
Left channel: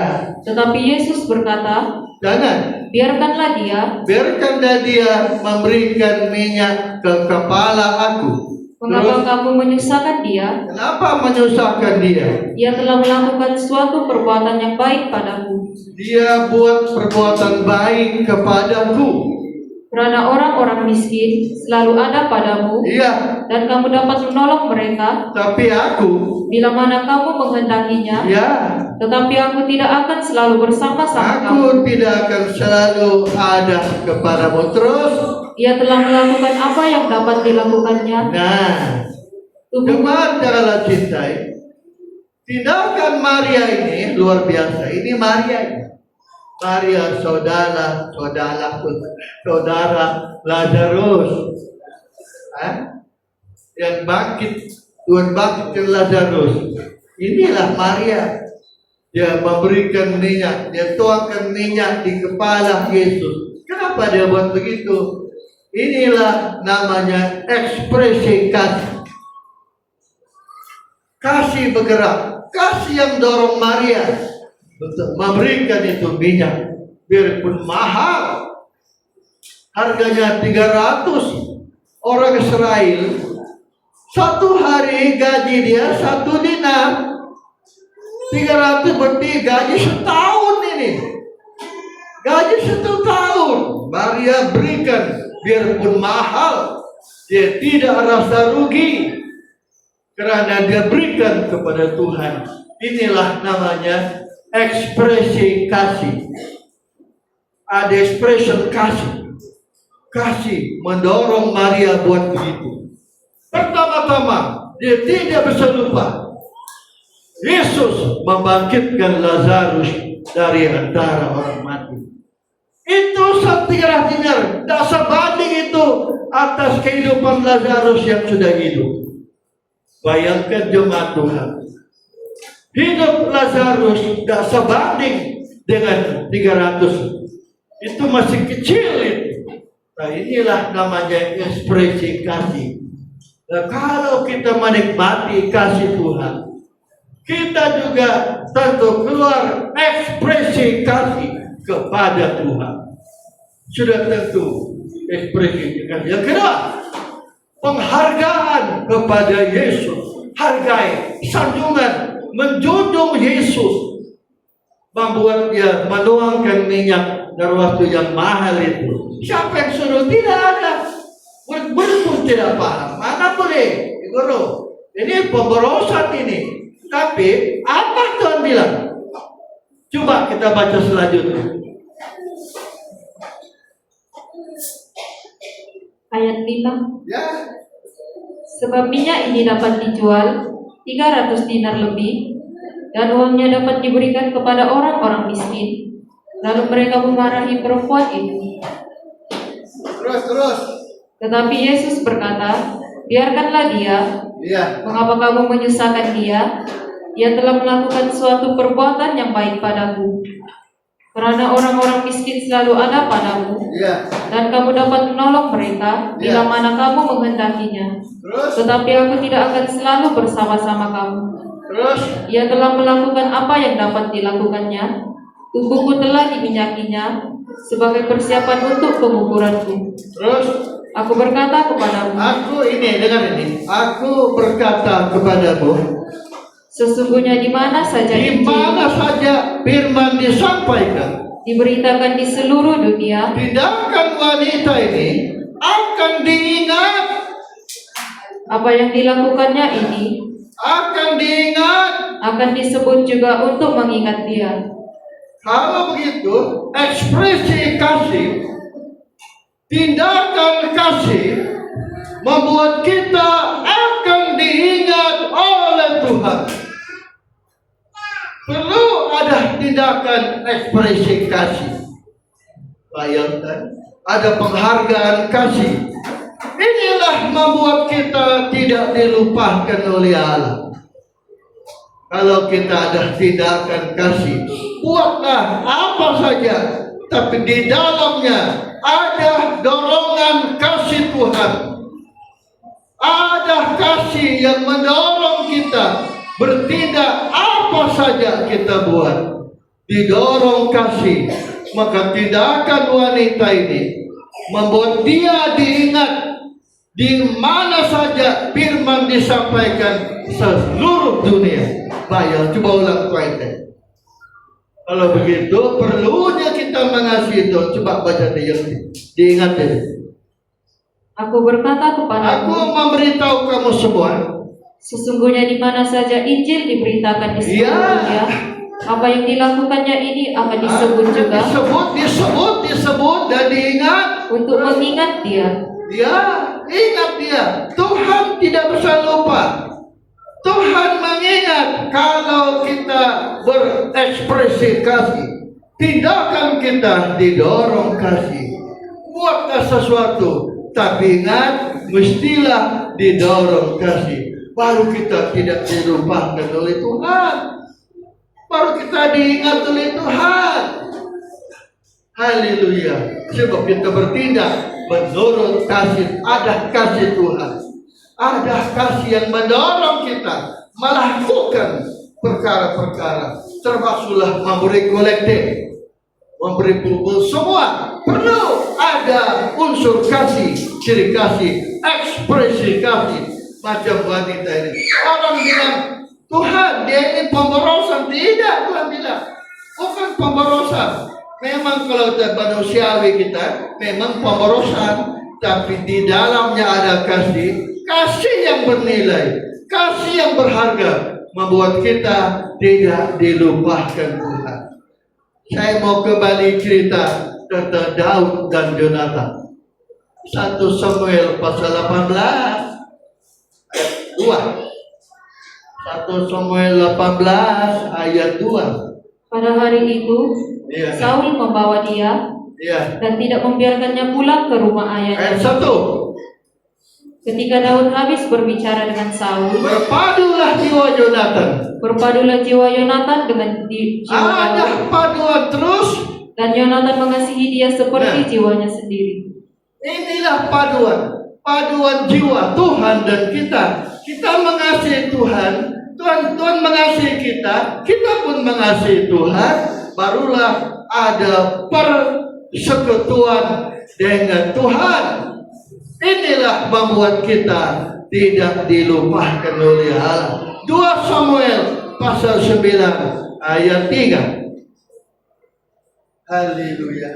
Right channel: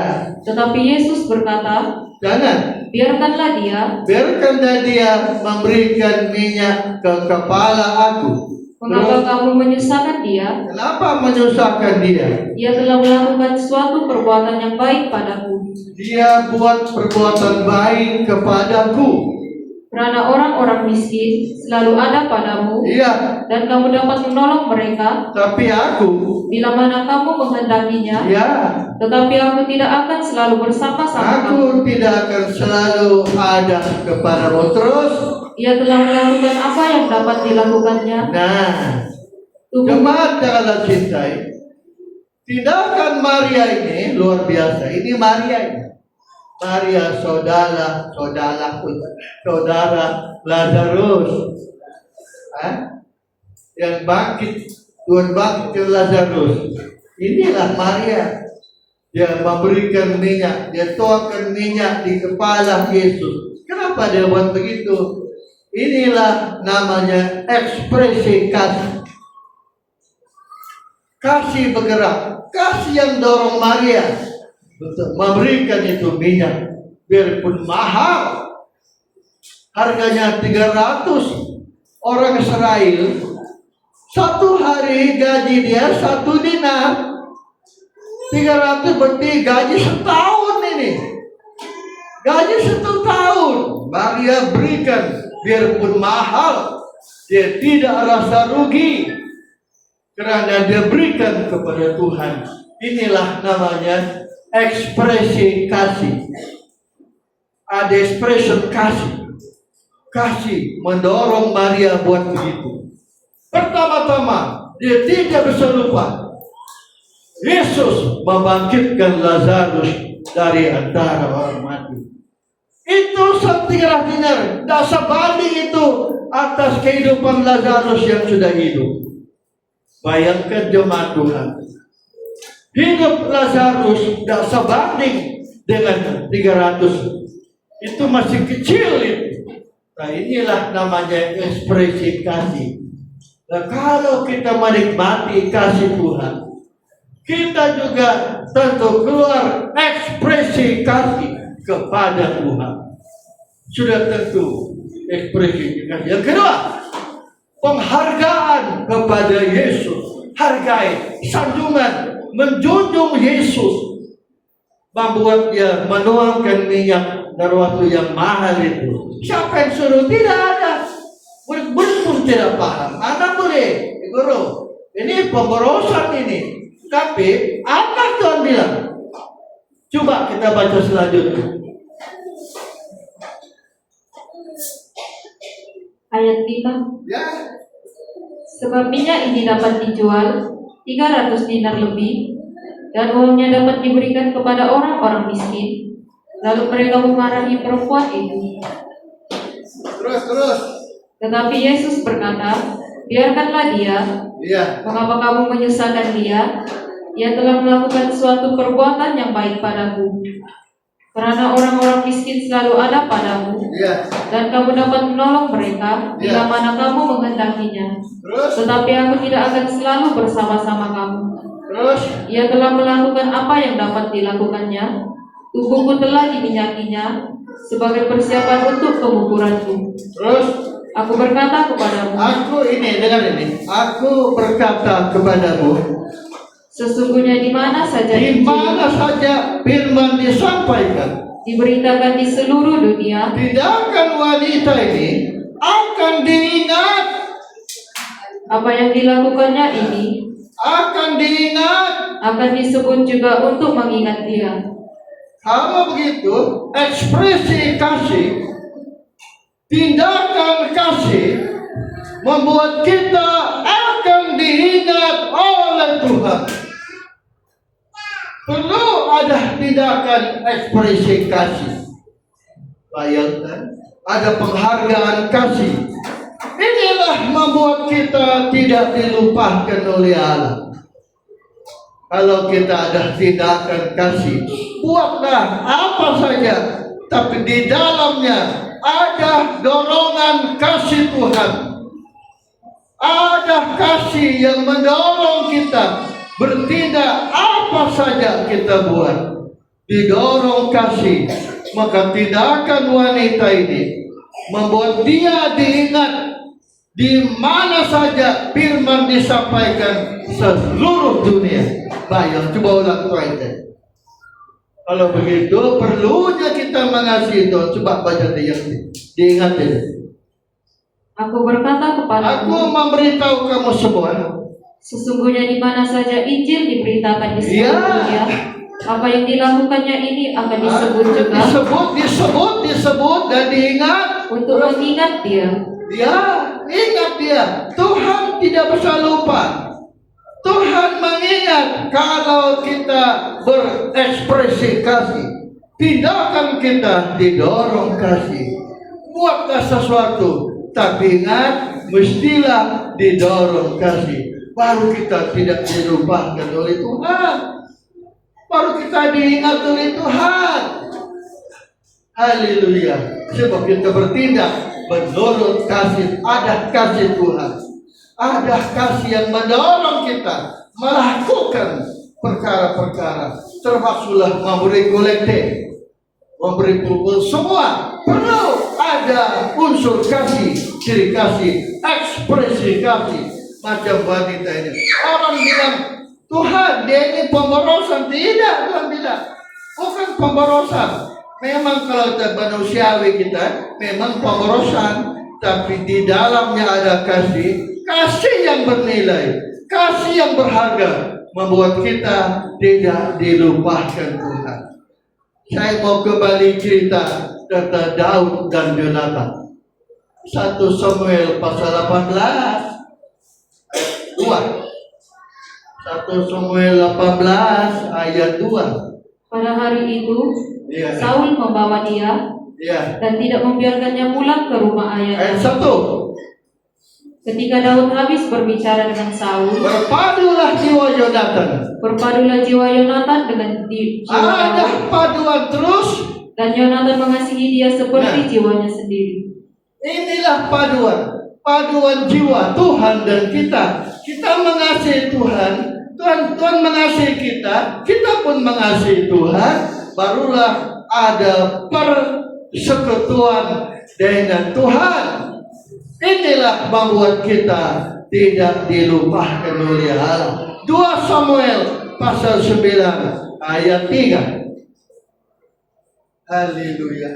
Tetapi Yesus berkata, jangan. biarkanlah dia. Biarkanlah dia memberikan minyak ke kepala aku. Mengapa kamu menyusahkan dia? Kenapa menyusahkan dia? Ia telah melakukan suatu perbuatan yang baik padaku. Dia buat perbuatan baik kepadaku. Karena orang-orang miskin selalu ada padamu, Iya, dan kamu dapat menolong mereka tapi aku, bila mana kamu menghendakinya. ya, Tetapi aku tidak akan selalu bersama-sama kamu. aku tidak akan selalu ada kepadamu terus. Ia telah melakukan apa yang dapat dilakukannya. Nah, Tubuh jemaat yang Allah cintai, tindakan Maria ini luar biasa. Ini Maria ini. Maria saudara Lazarus, yang bangkit, Tuhan bangkit Lazarus. Inilah Maria. Dia memberikan minyak, dia tuangkan minyak di kepala Yesus. Kenapa dia buat begitu? Inilah namanya ekspresi kasih. Kasih bergerak, kasih yang dorong Maria untuk memberikan itu minyak, biarpun mahal, harganya 300. Orang Israel satu hari gaji dia 1 dinar, 300 berarti gaji setahun ini, gaji 1 tahun. Maria berikan, biarpun mahal, dia tidak rasa rugi karena dia berikan kepada Tuhan. Inilah namanya ekspresi kasih. Ada expression kasih. Kasih mendorong Maria buat begitu. Pertama-tama, dia tidak bisa lupa Yesus membangkitkan Lazarus dari antara orang mati. Itu 300 dinar, tidak sebanding itu atas kehidupan Lazarus yang sudah hidup. Bayangkan jemaat Tuhan, hidup Lazarus tidak sebanding dengan 300. Itu masih kecil itu. Nah, inilah namanya ekspresi kasih. Nah, kalau kita menikmati kasih Tuhan, kita juga tentu keluar ekspresi kasih kepada Tuhan. Sudah tentu ekspresi kasih. Yang kedua, penghargaan kepada Yesus. Hargai, sanjungan, menjunjung Yesus, membuat dia menuangkan minyak dari waktu yang mahal itu. Siapa yang suruh? Tidak ada. Murid-murid tidak paham. Mana boleh, guru? Ini pemborosan ini. Tapi apa Tuhan bilang? Coba kita baca selanjutnya. ayat 5. Ya. Sebab minyak ini dapat dijual 300 dinar lebih, dan uangnya dapat diberikan kepada orang-orang miskin. Lalu mereka memarahi perempuan itu. Terus. Tetapi Yesus berkata, biarkanlah dia. Iya. Mengapa kamu menyusahkan dia? Ia telah melakukan suatu perbuatan yang baik padaku. Karena orang-orang miskin selalu ada padamu, Iya. dan kamu dapat menolong mereka bila Ya. mana kamu menghendakinya. Terus. Tetapi aku tidak akan selalu bersama-sama kamu. Terus. Ia telah melakukan apa yang dapat dilakukannya. Tubuhku telah diminyakinya sebagai persiapan untuk penguburanku. Terus. Aku berkata kepadamu, Dengar ini. Aku berkata kepadamu, sesungguhnya di mana saja di mana saja firman disampaikan, diberitakan di seluruh dunia, tindakan wanita ini akan diingat, apa yang dilakukannya ini akan diingat. akan disebut juga untuk mengingat dia. Kalau begitu, ekspresi kasih, tindakan kasih membuat kita akan diingat oleh Tuhan. Perlu ada tindakan ekspresi kasih. Bayangkan, ada penghargaan kasih. Inilah membuat kita tidak dilupakan oleh Allah. Kalau kita ada tindakan kasih, buatlah apa saja, tapi di dalamnya ada dorongan kasih Tuhan. Ada kasih yang mendorong kita bertindak apa saja kita buat, didorong kasih, maka tindakan wanita ini membuat dia diingat di mana saja firman disampaikan seluruh dunia. Baik, coba ulang ayat. Kalau begitu perlunya kita mengasihi Tuhan. Coba baca dia, diingat ya. Aku berkata Aku kepadamu, memberitahu kamu semua. sesungguhnya di mana saja Injil diberitakan di seluruh Ya. dunia, apa yang dilakukannya ini akan disebut juga Disebut dan diingat. untuk mengingat dia. Ya, ingat dia. Tuhan tidak bisa lupa. Tuhan mengingat kalau kita berekspresi kasih, tindakan kita didorong kasih. Buatlah sesuatu, tapi ingat mestilah didorong kasih. Baru kita tidak dilupakan oleh Tuhan. Baru kita diingat oleh Tuhan. Haleluya. Sebab kita bertindak menurut kasih, ada kasih Tuhan. Ada kasih yang mendorong kita melakukan perkara-perkara, termasuklah memberi kolektif, memberi kumpul, semua perlu ada unsur kasih, ciri kasih, ekspresi kasih. Macam wanita ini, orang bilang Tuhan dia ini pemborosan. Tidak, Tuhan bilang bukan pemborosan. Memang kalau kita manusiawi kita memang pemborosan, tapi di dalamnya ada kasih. Kasih yang bernilai, kasih yang berharga, membuat kita tidak dilupakan Tuhan. Saya mau kembali cerita tentang Daud dan Yonatan. 1 Samuel pasal 18 ayat 2. 1 Samuel 18 ayat 2. Pada hari itu, Ya. Saul membawa dia Ya. dan tidak membiarkannya pulang ke rumah ayahnya. Ayat 1. Ketika Daud habis berbicara dengan Saul, Berpadulah jiwa Yonatan. berpadulah jiwa Yonatan dengan jiwa Daud, Ada paduan terus. dan Yonatan mengasihi dia seperti Nah. jiwanya sendiri. Inilah paduan jiwa Tuhan dan kita. Kita mengasihi Tuhan, Tuhan mengasihi kita pun mengasihi Tuhan. Barulah ada persekutuan dengan Tuhan. Inilah membuat kita tidak dilupakan oleh Allah. 2 Samuel pasal 9 ayat 3. Haleluya.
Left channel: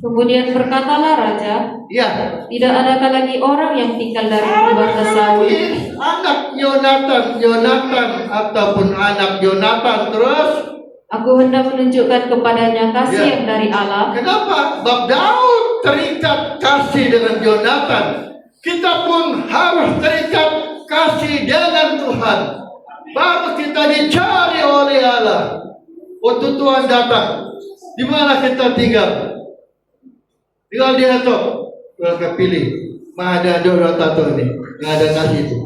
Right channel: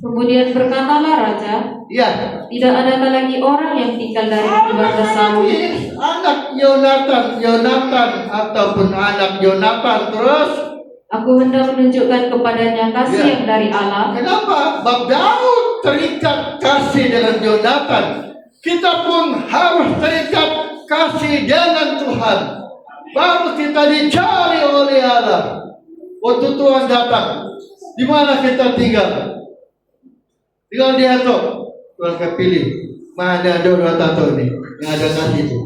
Kemudian berkatalah raja, Ya. tidak adakah lagi orang yang tinggal dari keluarga Saul? Anak Yonatan ataupun anak Yonatan terus. Aku hendak menunjukkan kepadanya kasih Ya. yang dari Allah. Kenapa? Bab Daud terikat kasih dengan Yonatan. Kita pun harus terikat kasih dengan Tuhan. Baru kita dicari oleh Allah. Waktu Tuhan datang, di mana kita tinggal? Tinggal di Atok. Tuhan kepilih. Mana ada orang tato ni? Yang ada kasih itu.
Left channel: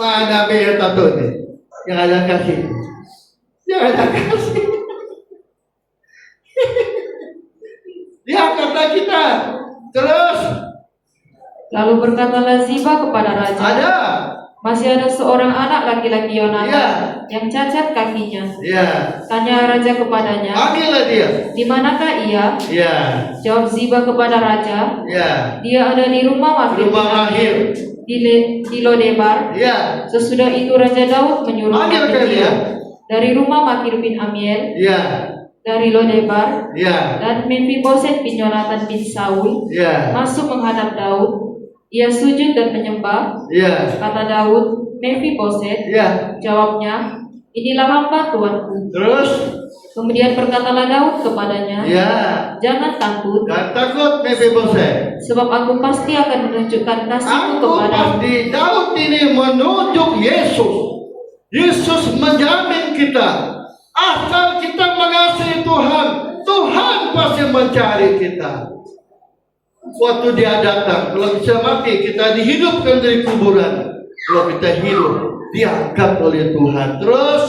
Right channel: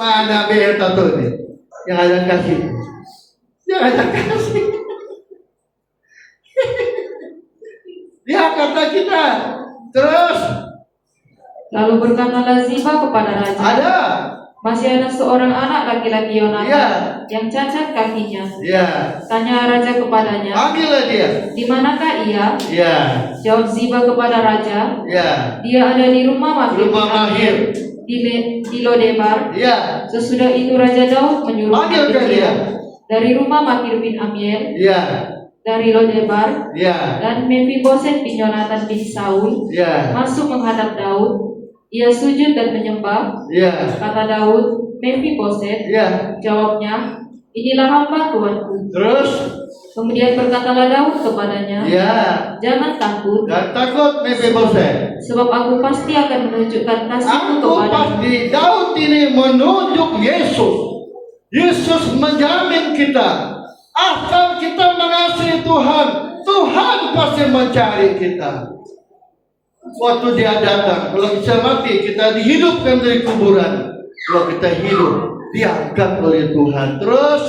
Mana bayar tato ni? Yang ada kasih. Yang ada kasih. Dia kata kita. Terus Lalu berkatalah Ziba kepada raja, ada. masih ada seorang anak laki-laki Yonatan Ya. yang cacat kakinya. Ya. Tanya raja kepadanya, Panggillah dia. di manakah ia? Ya. Jawab Ziba kepada raja, Ya. dia ada di rumah Makir Rumah Mahir. di Lodebar. Ya. Sesudah itu Raja Daud menyuruh Panggilkan Makir dia. dari rumah Makir bin Amiel Ya. dari Lodebar, Ya. dan Mephiboset bin Yonatan bin Saul Ya. masuk menghadap Daud. Ia sujud dan menyembah. Ya. Kata Daud, Mephiboset. Ya. Jawabnya, inilah hamba Tuanku. Terus Kemudian berkatalah Daud kepadanya, ya. jangan takut, Dan takut Mephiboset. sebab aku pasti akan menunjukkan kasihku Aku kepadamu. pasti Daud ini menunjuk Yesus. Yesus menjamin kita. Asal kita mengasihi Tuhan, Tuhan pasti mencari kita. Waktu dia datang, kalau bisa mati, kita dihidupkan dari kuburan. Kalau kita hidup, diangkat oleh Tuhan. Terus,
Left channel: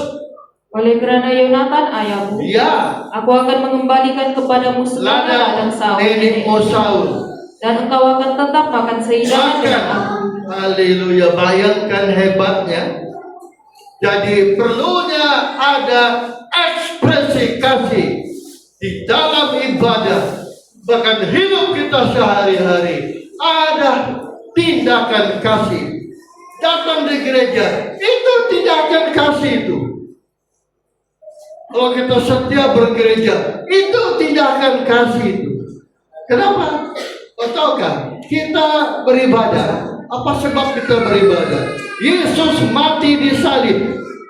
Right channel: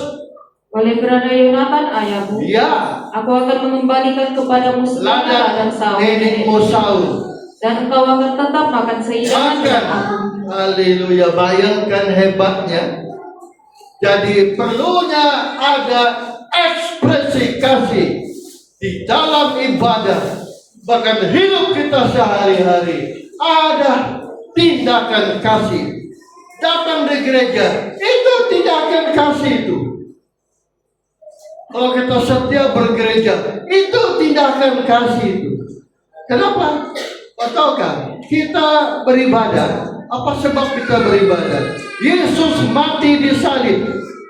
Oleh kerana Yonatan ayahmu, ya, aku akan mengembalikan kepadamu segala ladang dan Saul, nenekmu Saul. dan engkau akan tetap makan sehidangan dengan Makan aku. Haleluya, bayangkan hebatnya. Jadi perlunya ada ekspresi kasih di dalam ibadah, bahkan hidup kita sehari-hari. Ada tindakan kasih. Datang di gereja, itu tindakan kasih itu. Kalau kita setia bergereja, itu tindakan kasih itu. Kenapa? Kau tahu kan? Kita beribadah. Apa sebab kita beribadah? Yesus mati di salib.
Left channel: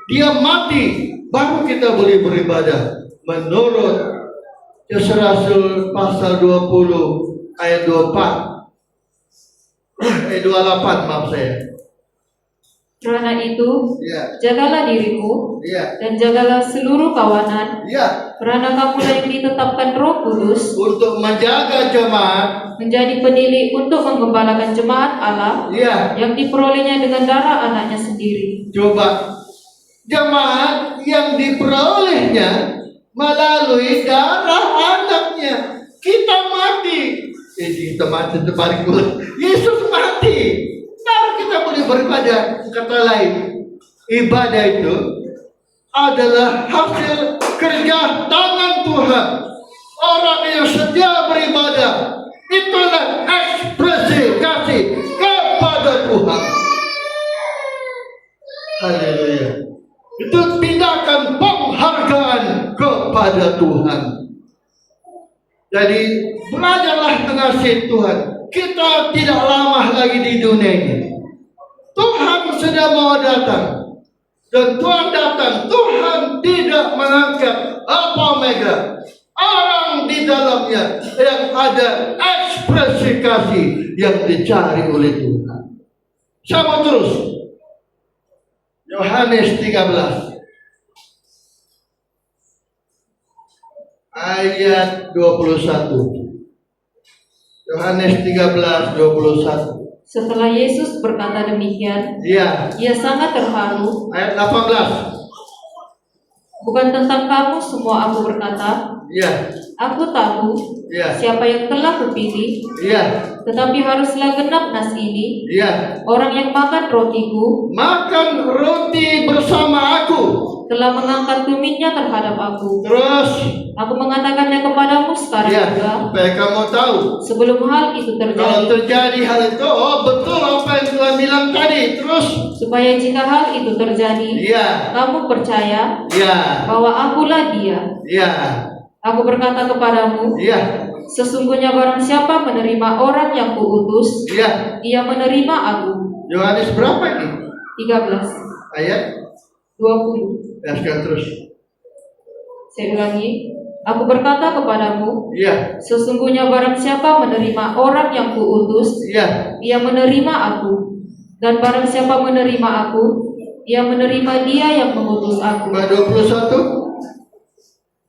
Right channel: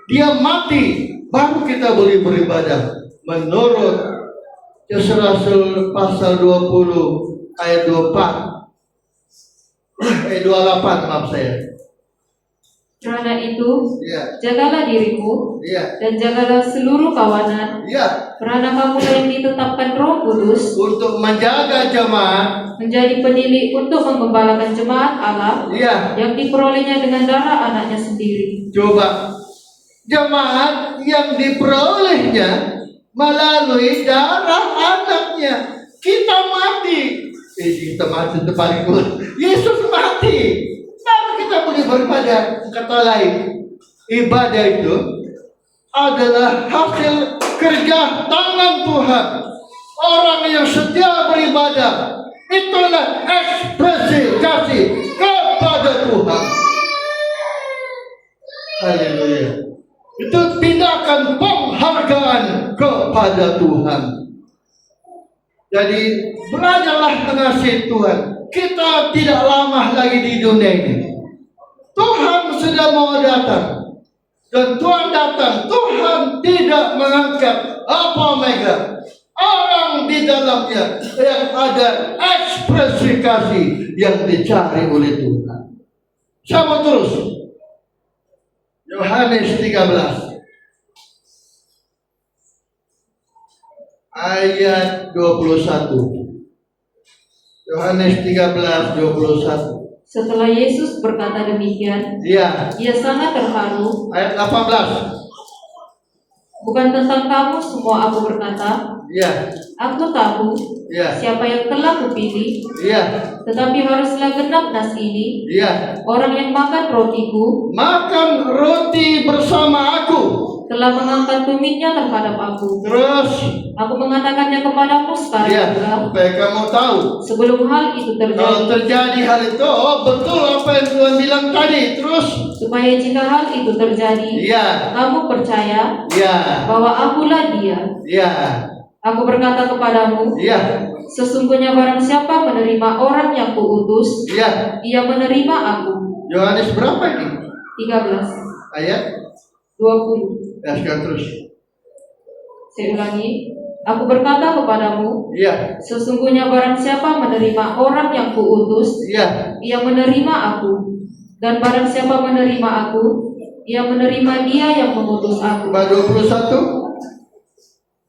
Dia mati, baru kita boleh beribadah. Menurut Kisah Rasul pasal 20 ayat 24. Ayat 28, maaf saya. Karena itu, Ya, jagalah dirimu ya, dan jagalah seluruh kawanan, ya. karena kamulah yang ditetapkan Roh Kudus Untuk menjaga jemaat, menjadi penilai untuk menggembalakan jemaat Allah ya. yang diperolehnya dengan darah anaknya sendiri. Coba, jemaat yang diperolehnya melalui darah anaknya. Kita mati. Kita mati depan Yesus mati. Baru kita boleh beribadah. Kata lain, ibadah itu adalah hasil kerja tangan Tuhan. Orang yang setia beribadah, itulah ekspresi kasih kepada Tuhan. Haleluya. Itu tindakan penghargaan kepada Tuhan. Jadi belajarlah mengasihi Tuhan. Kita tidak lama lagi di dunia ini. Tuhan sudah mau datang. Dan Tuhan datang. Tuhan tidak mengangkat apa omega. Orang di dalamnya yang ada ekspresi kasih yang dicari oleh Tuhan. Sama terus. Yohanes 13 ayat 21. Yohanes 13:21. Setelah Yesus berkata demikian, Iya. ia sangat terharu. Ayat 18. Bukan tentang kamu semua aku berkata, Iya. aku tahu Iya. siapa yang telah kupilih, Iya. tetapi haruslah genap nas ini. Iya. Orang yang makan rotiku Makan roti bersama aku. telah mengangkat tumitnya terhadap aku. Terus, Aku mengatakannya kepadamu sekarang ya, juga, supaya kamu tahu. sebelum hal itu Kalau terjadi, terjadi hal itu, oh betul apa yang Tuhan bilang tadi. Terus, supaya jika hal itu terjadi, iya. kamu percaya Iya. bahwa akulah dia. Iya. Aku berkata kepadamu, Iya. sesungguhnya barang siapa menerima orang yang kuutus, Iya. ia menerima aku. Yohanes berapa ini? 13, Ayat 20. sekarang terus. Saya ulangi. Aku berkata kepadamu, Iya. sesungguhnya barang siapa menerima orang yang kuutus, Iya. ia menerima aku. Dan barang siapa menerima aku, ia menerima dia yang mengutus aku. 21.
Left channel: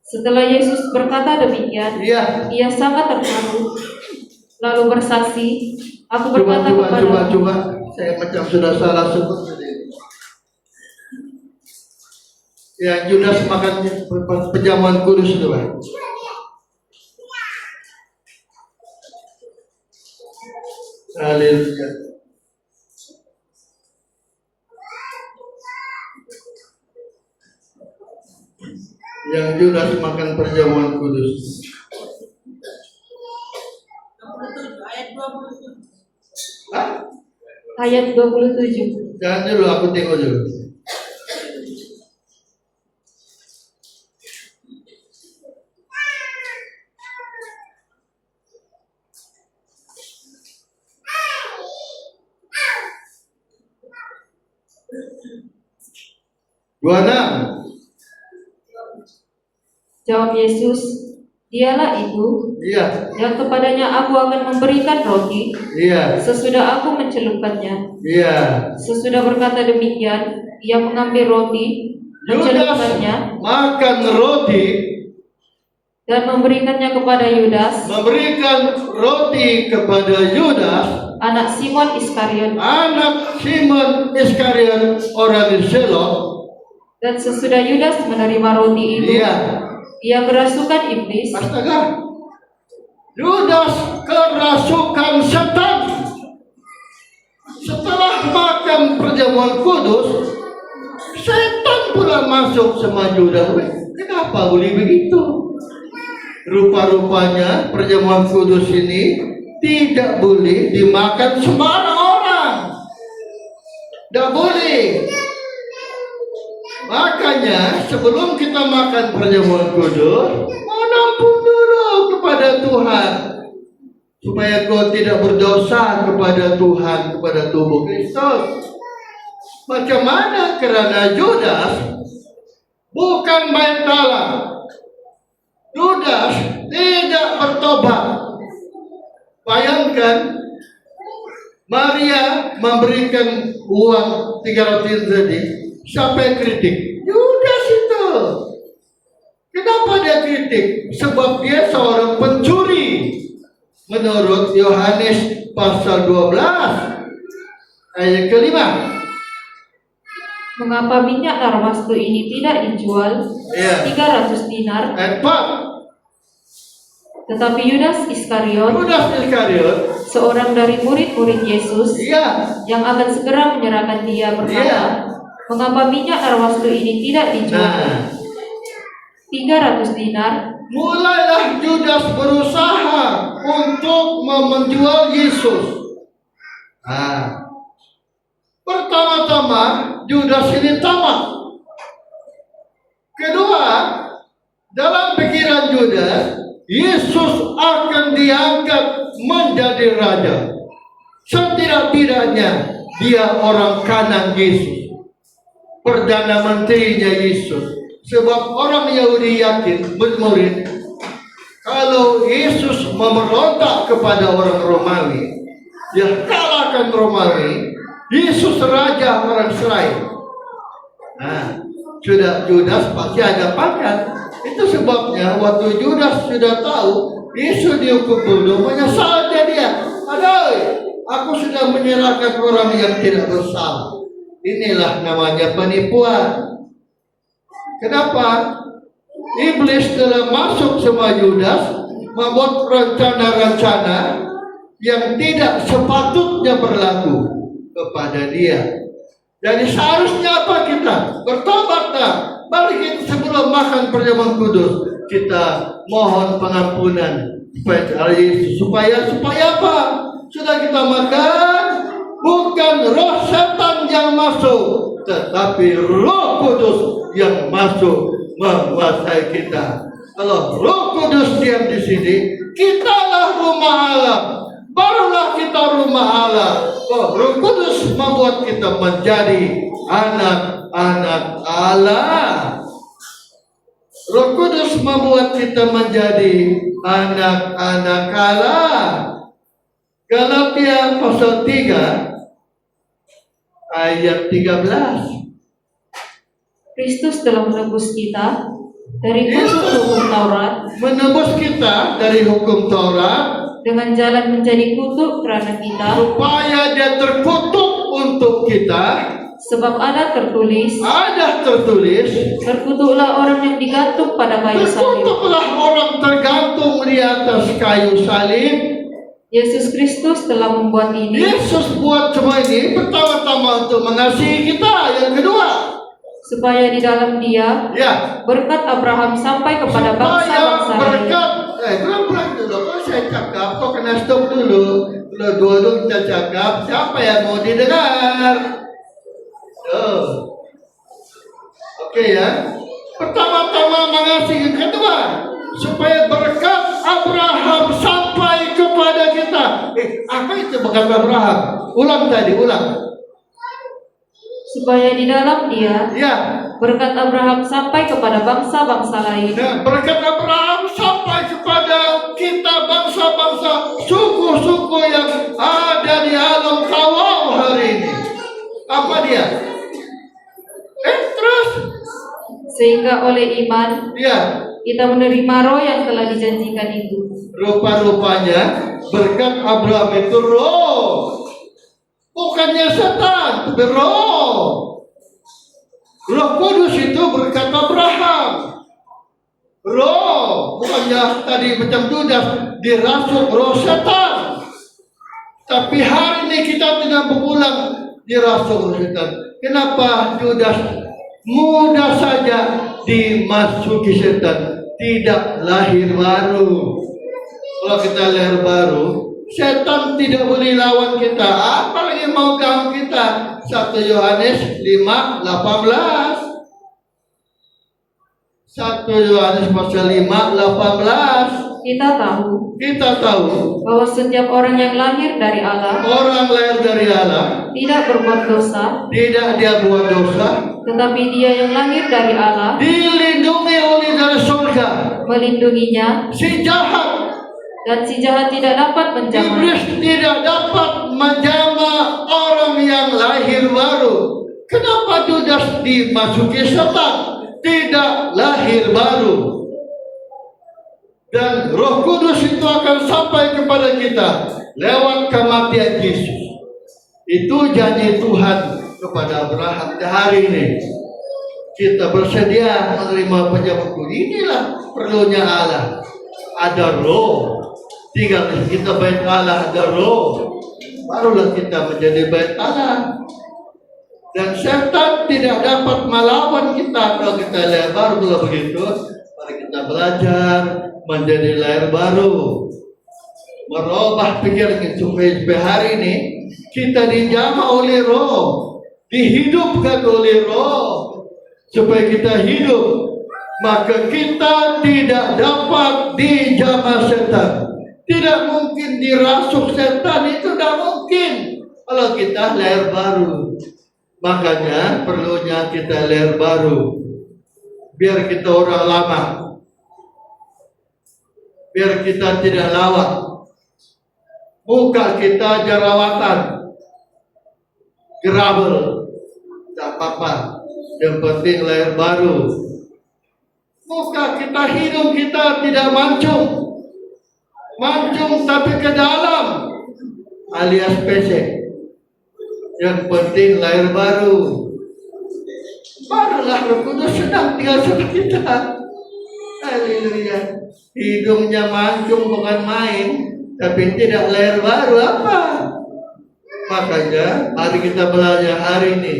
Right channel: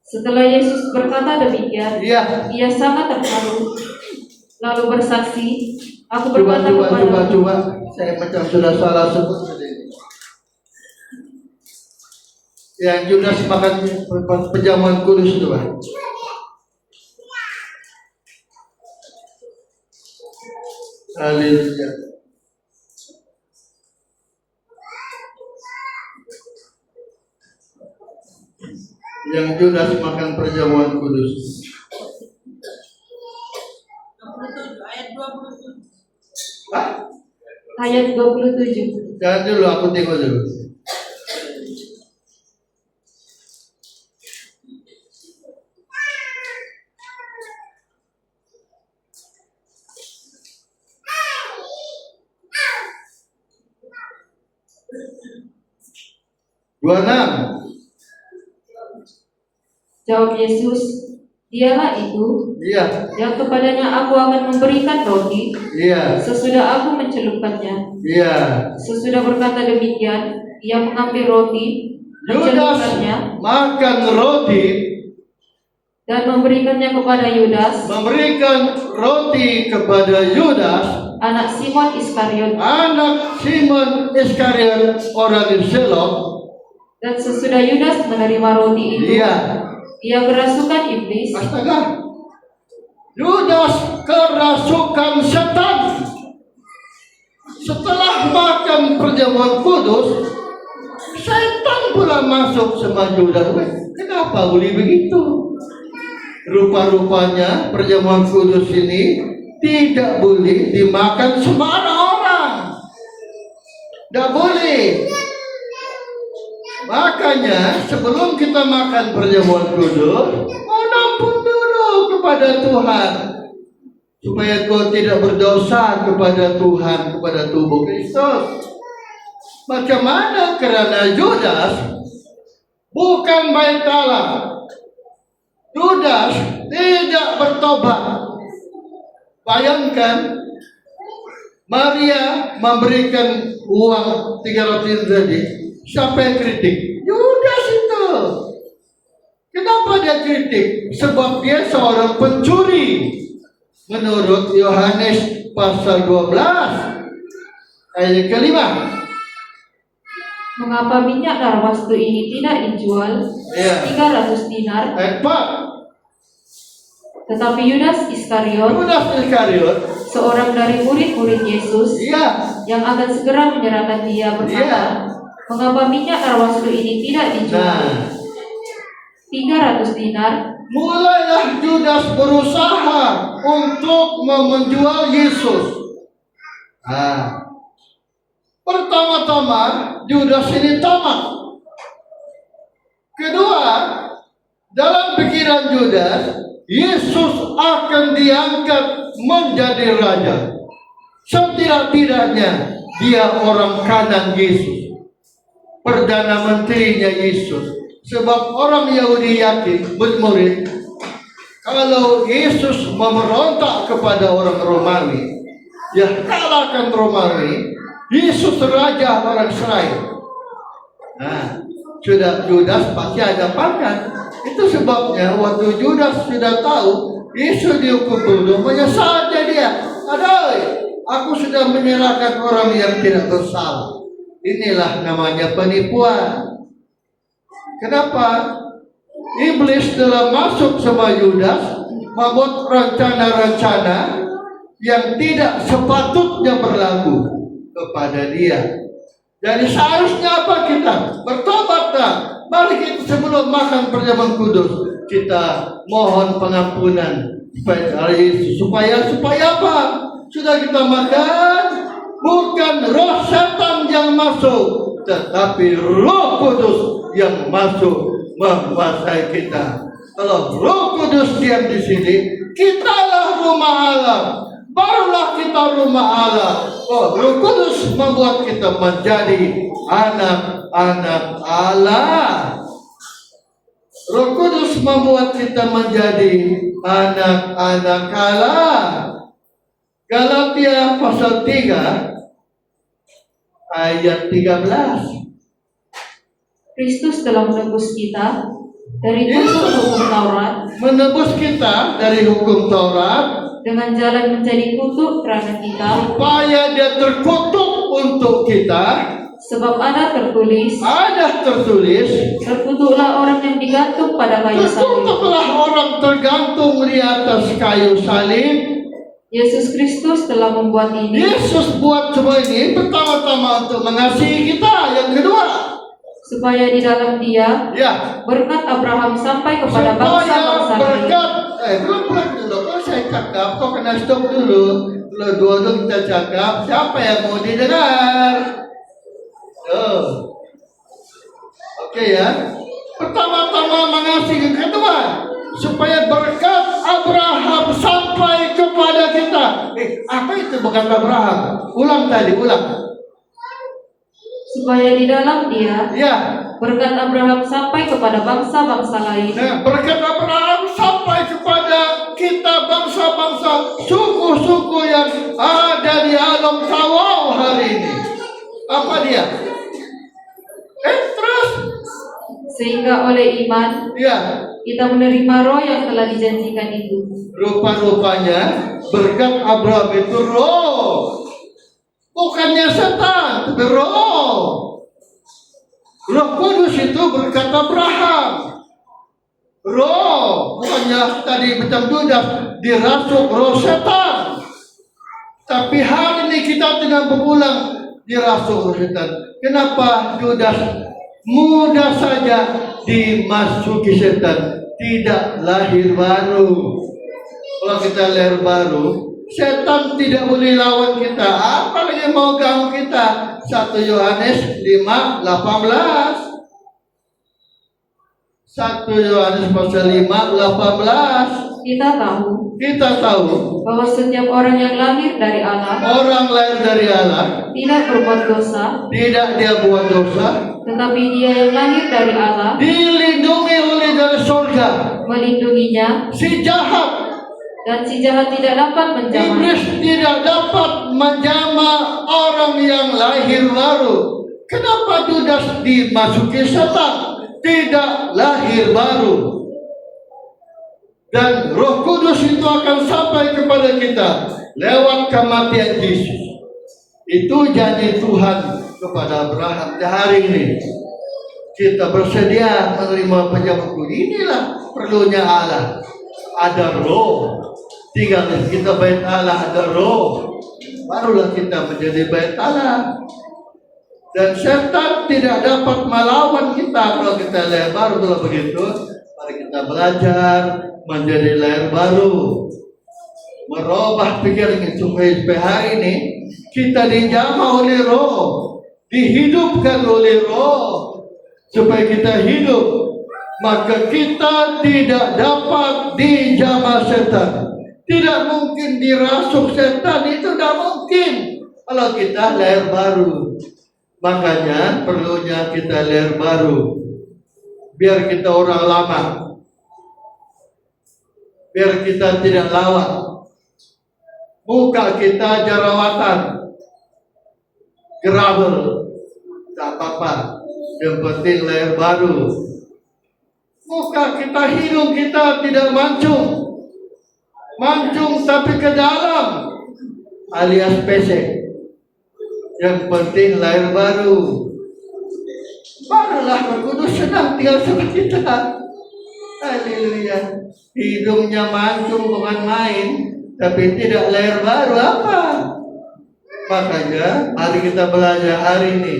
Setelah Yesus berkata demikian, Iya. ia sangat terharu, lalu bersaksi, aku Coba, berkata kepadamu, coba. Saya macam sudah salah sebut tadi. Yang Judas makan penjamuan kudus itu, Pak. Haleluya. Yang Judas makan perjamuan kudus. 27 ayat 27. Hah? ayat 27. Jangan dulu, aku tengok dulu. Dua enam. Jawab Yesus, dialah itu Iya. yang kepadanya aku akan memberikan roti Iya. sesudah aku mencelupkannya. Iya. Sesudah berkata demikian, ia mengambil roti, Yudas mencelupkannya, makan roti, dan memberikannya kepada Yudas, memberikan roti kepada Yudas, anak Simon Iskariot. anak Simon Iskariot orang Zelot. Dan sesudah Yudas menerima roti itu, Iya. ia kerasukan iblis. Astaga. Yudas kerasukan setan. Setelah perjamuan kudus, setan pula masuk sama Yudas. Kenapa boleh begitu? Rupa-rupanya perjamuan kudus ini tidak boleh dimakan sembarang orang. Tidak boleh. Makanya sebelum kita makan perjamuan kudus, mohon ampun dulu kepada Tuhan, supaya kau tidak berdosa kepada Tuhan, kepada tubuh Kristus. Macam mana? Kerana Yudas bukan main dalam. Yudas tidak bertobat. Bayangkan, Maria memberikan uang 300 tadi. Siapa yang kritik? Yudas itu. Kenapa dia kritik? Sebab dia seorang pencuri. Menurut Yohanes pasal 12 ayat ke-5. Mengapa minyak narwastu ini tidak dijual 300 dinar? Ayat 4. Tetapi Yudas Iskariot, seorang dari murid-murid Yesus, yang akan segera menyerahkan dia, berkata, mengapa minyak narwastu ini tidak dijual 300 dinar? Mulailah Yudas berusaha untuk menjual Yesus. Pertama-tama Yudas ini tamak. Kedua, dalam pikiran Yudas, Yesus akan diangkat menjadi raja. Setidak-tidaknya dia orang kanan Yesus, Perdana Menterinya Yesus. Sebab orang Yahudi yakin, murid, kalau Yesus memberontak kepada orang Romawi, dia kalahkan Romawi, Yesus raja orang Israel. Sudah Yudas pasti ada pangkat. Itu sebabnya waktu Yudas sudah tahu Yesus dihukum bunuh, menyesal dia. Aku sudah menyerahkan orang yang tidak bersalah. Inilah namanya penipuan. Kenapa? Iblis telah masuk sama Yudas, membuat rencana-rencana yang tidak sepatutnya berlaku kepada dia. Jadi seharusnya apa kita? Bertobat tak? Mari kita sebelum makan perjamuan kudus, kita mohon pengampunan supaya apa? Sudah kita makan, bukan roh setan yang masuk, tetapi Roh Kudus yang masuk menguasai kita. Kalau Roh Kudus diam di sini, kitalah rumah Allah. Barulah kita rumah Allah. Roh Kudus membuat kita menjadi anak-anak Allah. Roh Kudus membuat kita menjadi anak-anak Allah. Galatia pasal 3 ayat 13. Kristus telah menebus kita dari hukum Taurat, menebus kita dari hukum Taurat dengan jalan menjadi kutuk kerana kita, supaya dia terkutuk untuk kita. Sebab ada tertulis, terkutuklah orang yang digantung pada kayu salib. Terkutuklah orang tergantung di atas kayu salib. Yesus Kristus telah membuat ini. Yesus buat semua ini pertama-tama untuk mengasihi kita. Yang kedua, supaya di dalam dia berkat Abraham sampai kepada bangsa-bangsa lain. Pelan-pelan dulu. Kalau saya cakap, kau kena stop dulu. Kalau dua-dua kita cakap, siapa yang mau didengar? Oke ya. Pertama-tama mengasihi. Kedua, supaya berkat Abraham sampai kepada kita. Apa itu berkat Abraham? Ulang. Supaya di dalam dia berkat Abraham sampai kepada bangsa-bangsa lain. Berkat Abraham sampai kepada kita bangsa-bangsa, suku-suku yang ada di alam tawau hari ini. Apa dia? Terus sehingga oleh iman kita menerima roh yang telah dijanjikan itu. Rupa-rupanya berkat Abraham itu roh, bukannya setan, tapi roh. Roh Kudus itu berkat Abraham. Roh, bukannya tadi macam Yudas dirasuk roh setan. Tapi hari ini kita tidak berulang dirasuk roh setan. kenapa Judas mudah saja dimasuki setan, tidak lahir baru. Kalau kita lahir baru, setan tidak boleh lawan kita, apalagi mau ganggu kita. 1 Yohanes 5:18. 1 Yohanes pasal 5:18. Kita tahu bahwa setiap orang yang lahir dari Allah orang lahir dari Allah tidak berbuat dosa, tidak dia buat dosa, tetapi dia yang lahir dari Allah dilindungi oleh dari surga. melindunginya, Si jahat, dan si jahat tidak dapat menjamah. iblis tidak dapat menjamah orang yang lahir baru. Kenapa Judas dimasuki setan? Tidak lahir baru. Dan Roh Kudus itu akan sampai kepada kita lewat kematian Yesus. Itu janji Tuhan kepada Abraham. Hari ini kita bersedia menerima pejabat kudus. Inilah perlunya Allah. Ada roh. Tinggal kita bait Allah, ada roh. Barulah kita menjadi bait Allah. Dan setan tidak dapat melawan kita kalau kita lahir baru. Kalau begitu, mari kita belajar menjadi lahir baru, merubah pikiran supaya hari ini kita dijamah oleh roh, dihidupkan oleh roh, supaya kita hidup. Maka kita tidak dapat dijamah setan. Tidak mungkin dirasuk setan, itu tidak mungkin kalau kita lahir baru. Makanya perlunya kita lahir baru, biar kita orang lama, biar kita tidak lawak, muka kita jerawatan, gerabel, tak apa-apa, yang penting lahir baru. Muka kita, hidung kita tidak mancung tapi ke dalam, alias pesek. Yang penting lahir baru. Barulah Roh Kudus sedang tinggal sama kita. Haleluya. Hidungnya mancung bukan main, tapi tidak lahir baru apa? Makanya mari kita belajar hari ini.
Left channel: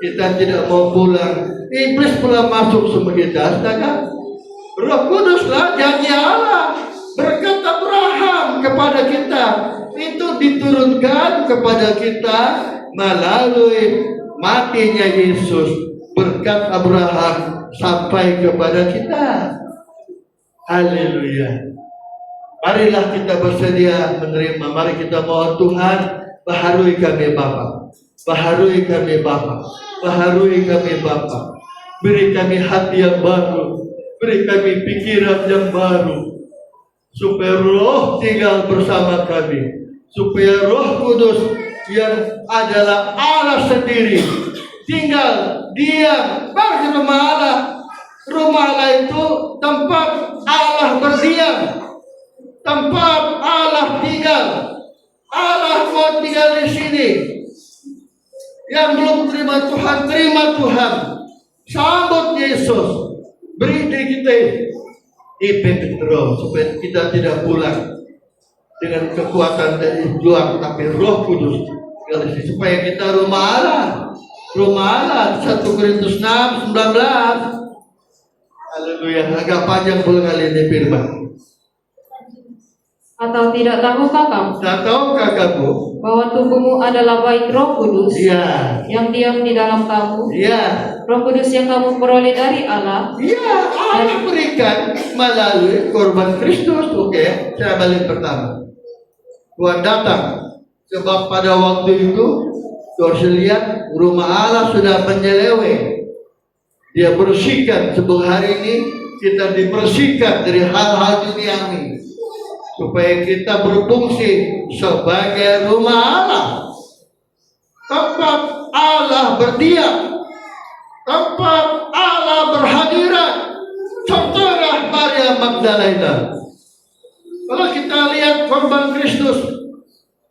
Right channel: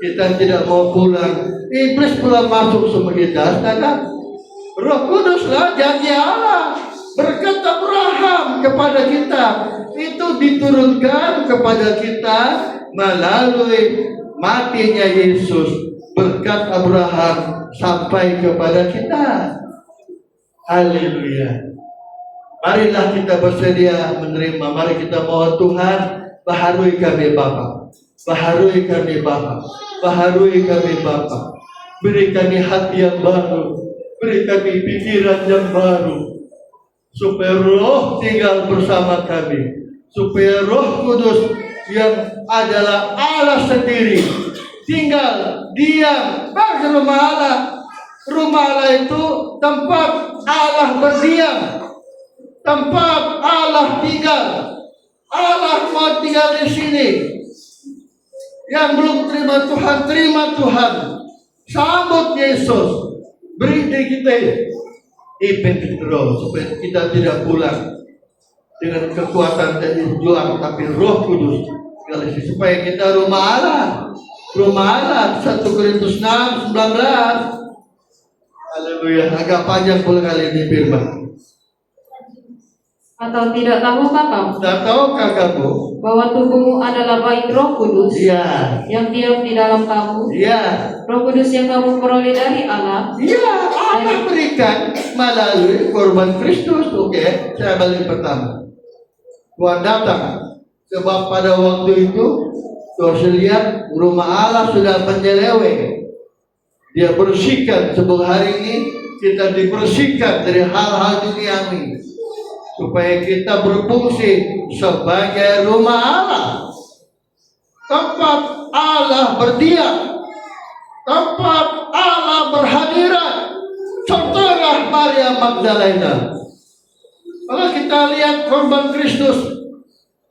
Kita tidak mau pulang. Iblis pulang masuk sama kita. Sedangkan Roh Kuduslah janji Allah. Berkat Abraham kepada kita itu diturunkan kepada kita melalui matinya Yesus. Berkat Abraham sampai kepada kita. Haleluya. Marilah kita bersedia menerima. Mari kita mohon Tuhan, baharui kami Bapa. Baharui kami Bapa. Baharui kami Bapa. Beri kami hati yang baru. Beri kami pikiran yang baru. Supaya Roh tinggal bersama kami. Supaya Roh Kudus yang adalah Allah sendiri tinggal diam di rumah Allah. Rumah Allah itu tempat Allah berdiam, tempat Allah tinggal. Allah mau tinggal di sini. Yang belum terima Tuhan, terima Tuhan. Sambut Yesus. Beri diri kita ipimpin terus supaya kita tidak pulang dengan kekuatan dari luar, tapi Roh Kudus supaya kita rumah Allah. Rumah Allah 1 Korintus 6:19. Haleluya. Agak panjang pula kali ini firman. Atau tidak tahukah kamu Tak tahukah kamu bahwa tubuhmu adalah bait Roh Kudus yang diam di dalam kamu? Roh Kudus yang kamu peroleh dari Allah. Allah berikan melalui korban Kristus. Oke, saya balik pertama. Tuhan datang, sebab pada waktu itu Tuhan lihat rumah Allah sudah menyeleweng. Dia bersihkan. Sebelum hari ini kita dibersihkan dari hal-hal duniawi, supaya kita berfungsi sebagai rumah Allah, tempat Allah berdiam, tempat Allah berhadirat. Contohlah Maria Magdalena. Kalau kita lihat korban Kristus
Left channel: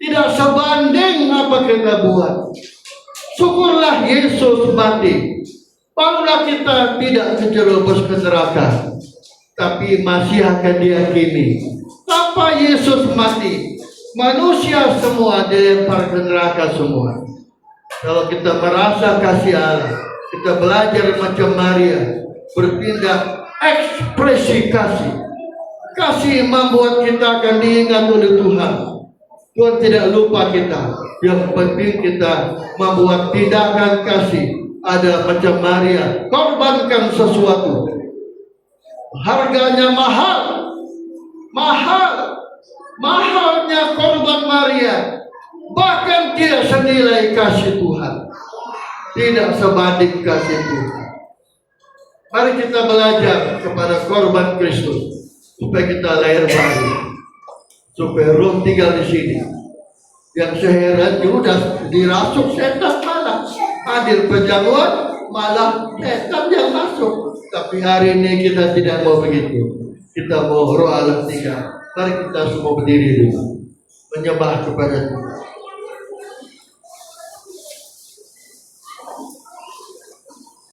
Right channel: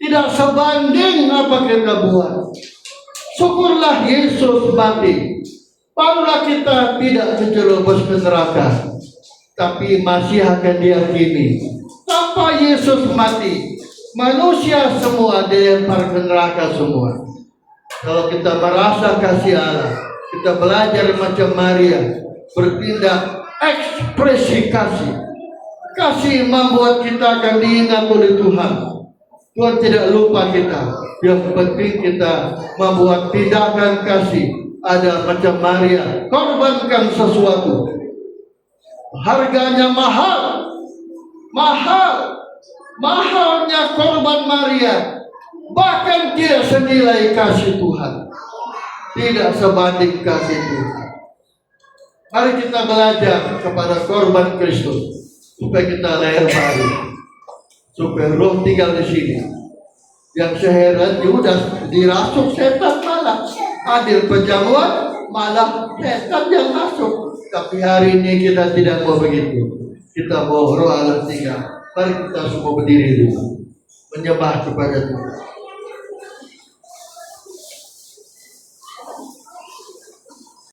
tidak sebanding apa kita buat. Syukurlah Yesus mati. Barulah kita tidak terjerumus ke neraka, tapi masih akan diyakini. Tanpa Yesus mati, manusia semua dilempar ke neraka semua. Kalau kita merasa kasih Allah, kita belajar macam Maria, bertindak ekspresi kasih. Kasih membuat kita akan diingat oleh Tuhan. Tuhan tidak lupa kita. Yang penting kita membuat tindakan kasih. Ada macam Maria, korbankan sesuatu. Harganya mahal. Mahalnya korban Maria. Bahkan tidak senilai kasih Tuhan. Tidak sebanding kasih Tuhan. Mari kita belajar kepada korban Kristus. Supaya kita lahir baru. Supaya roh tinggal di sini. Yang seheran Yudas dirasuk setan malah. Hadir perjamuan malah setan yang masuk. Tapi hari ini kita tidak mau begitu. Kita mau roh Allah tinggal. Mari kita semua berdiri dulu. Menyembah kepada Tuhan.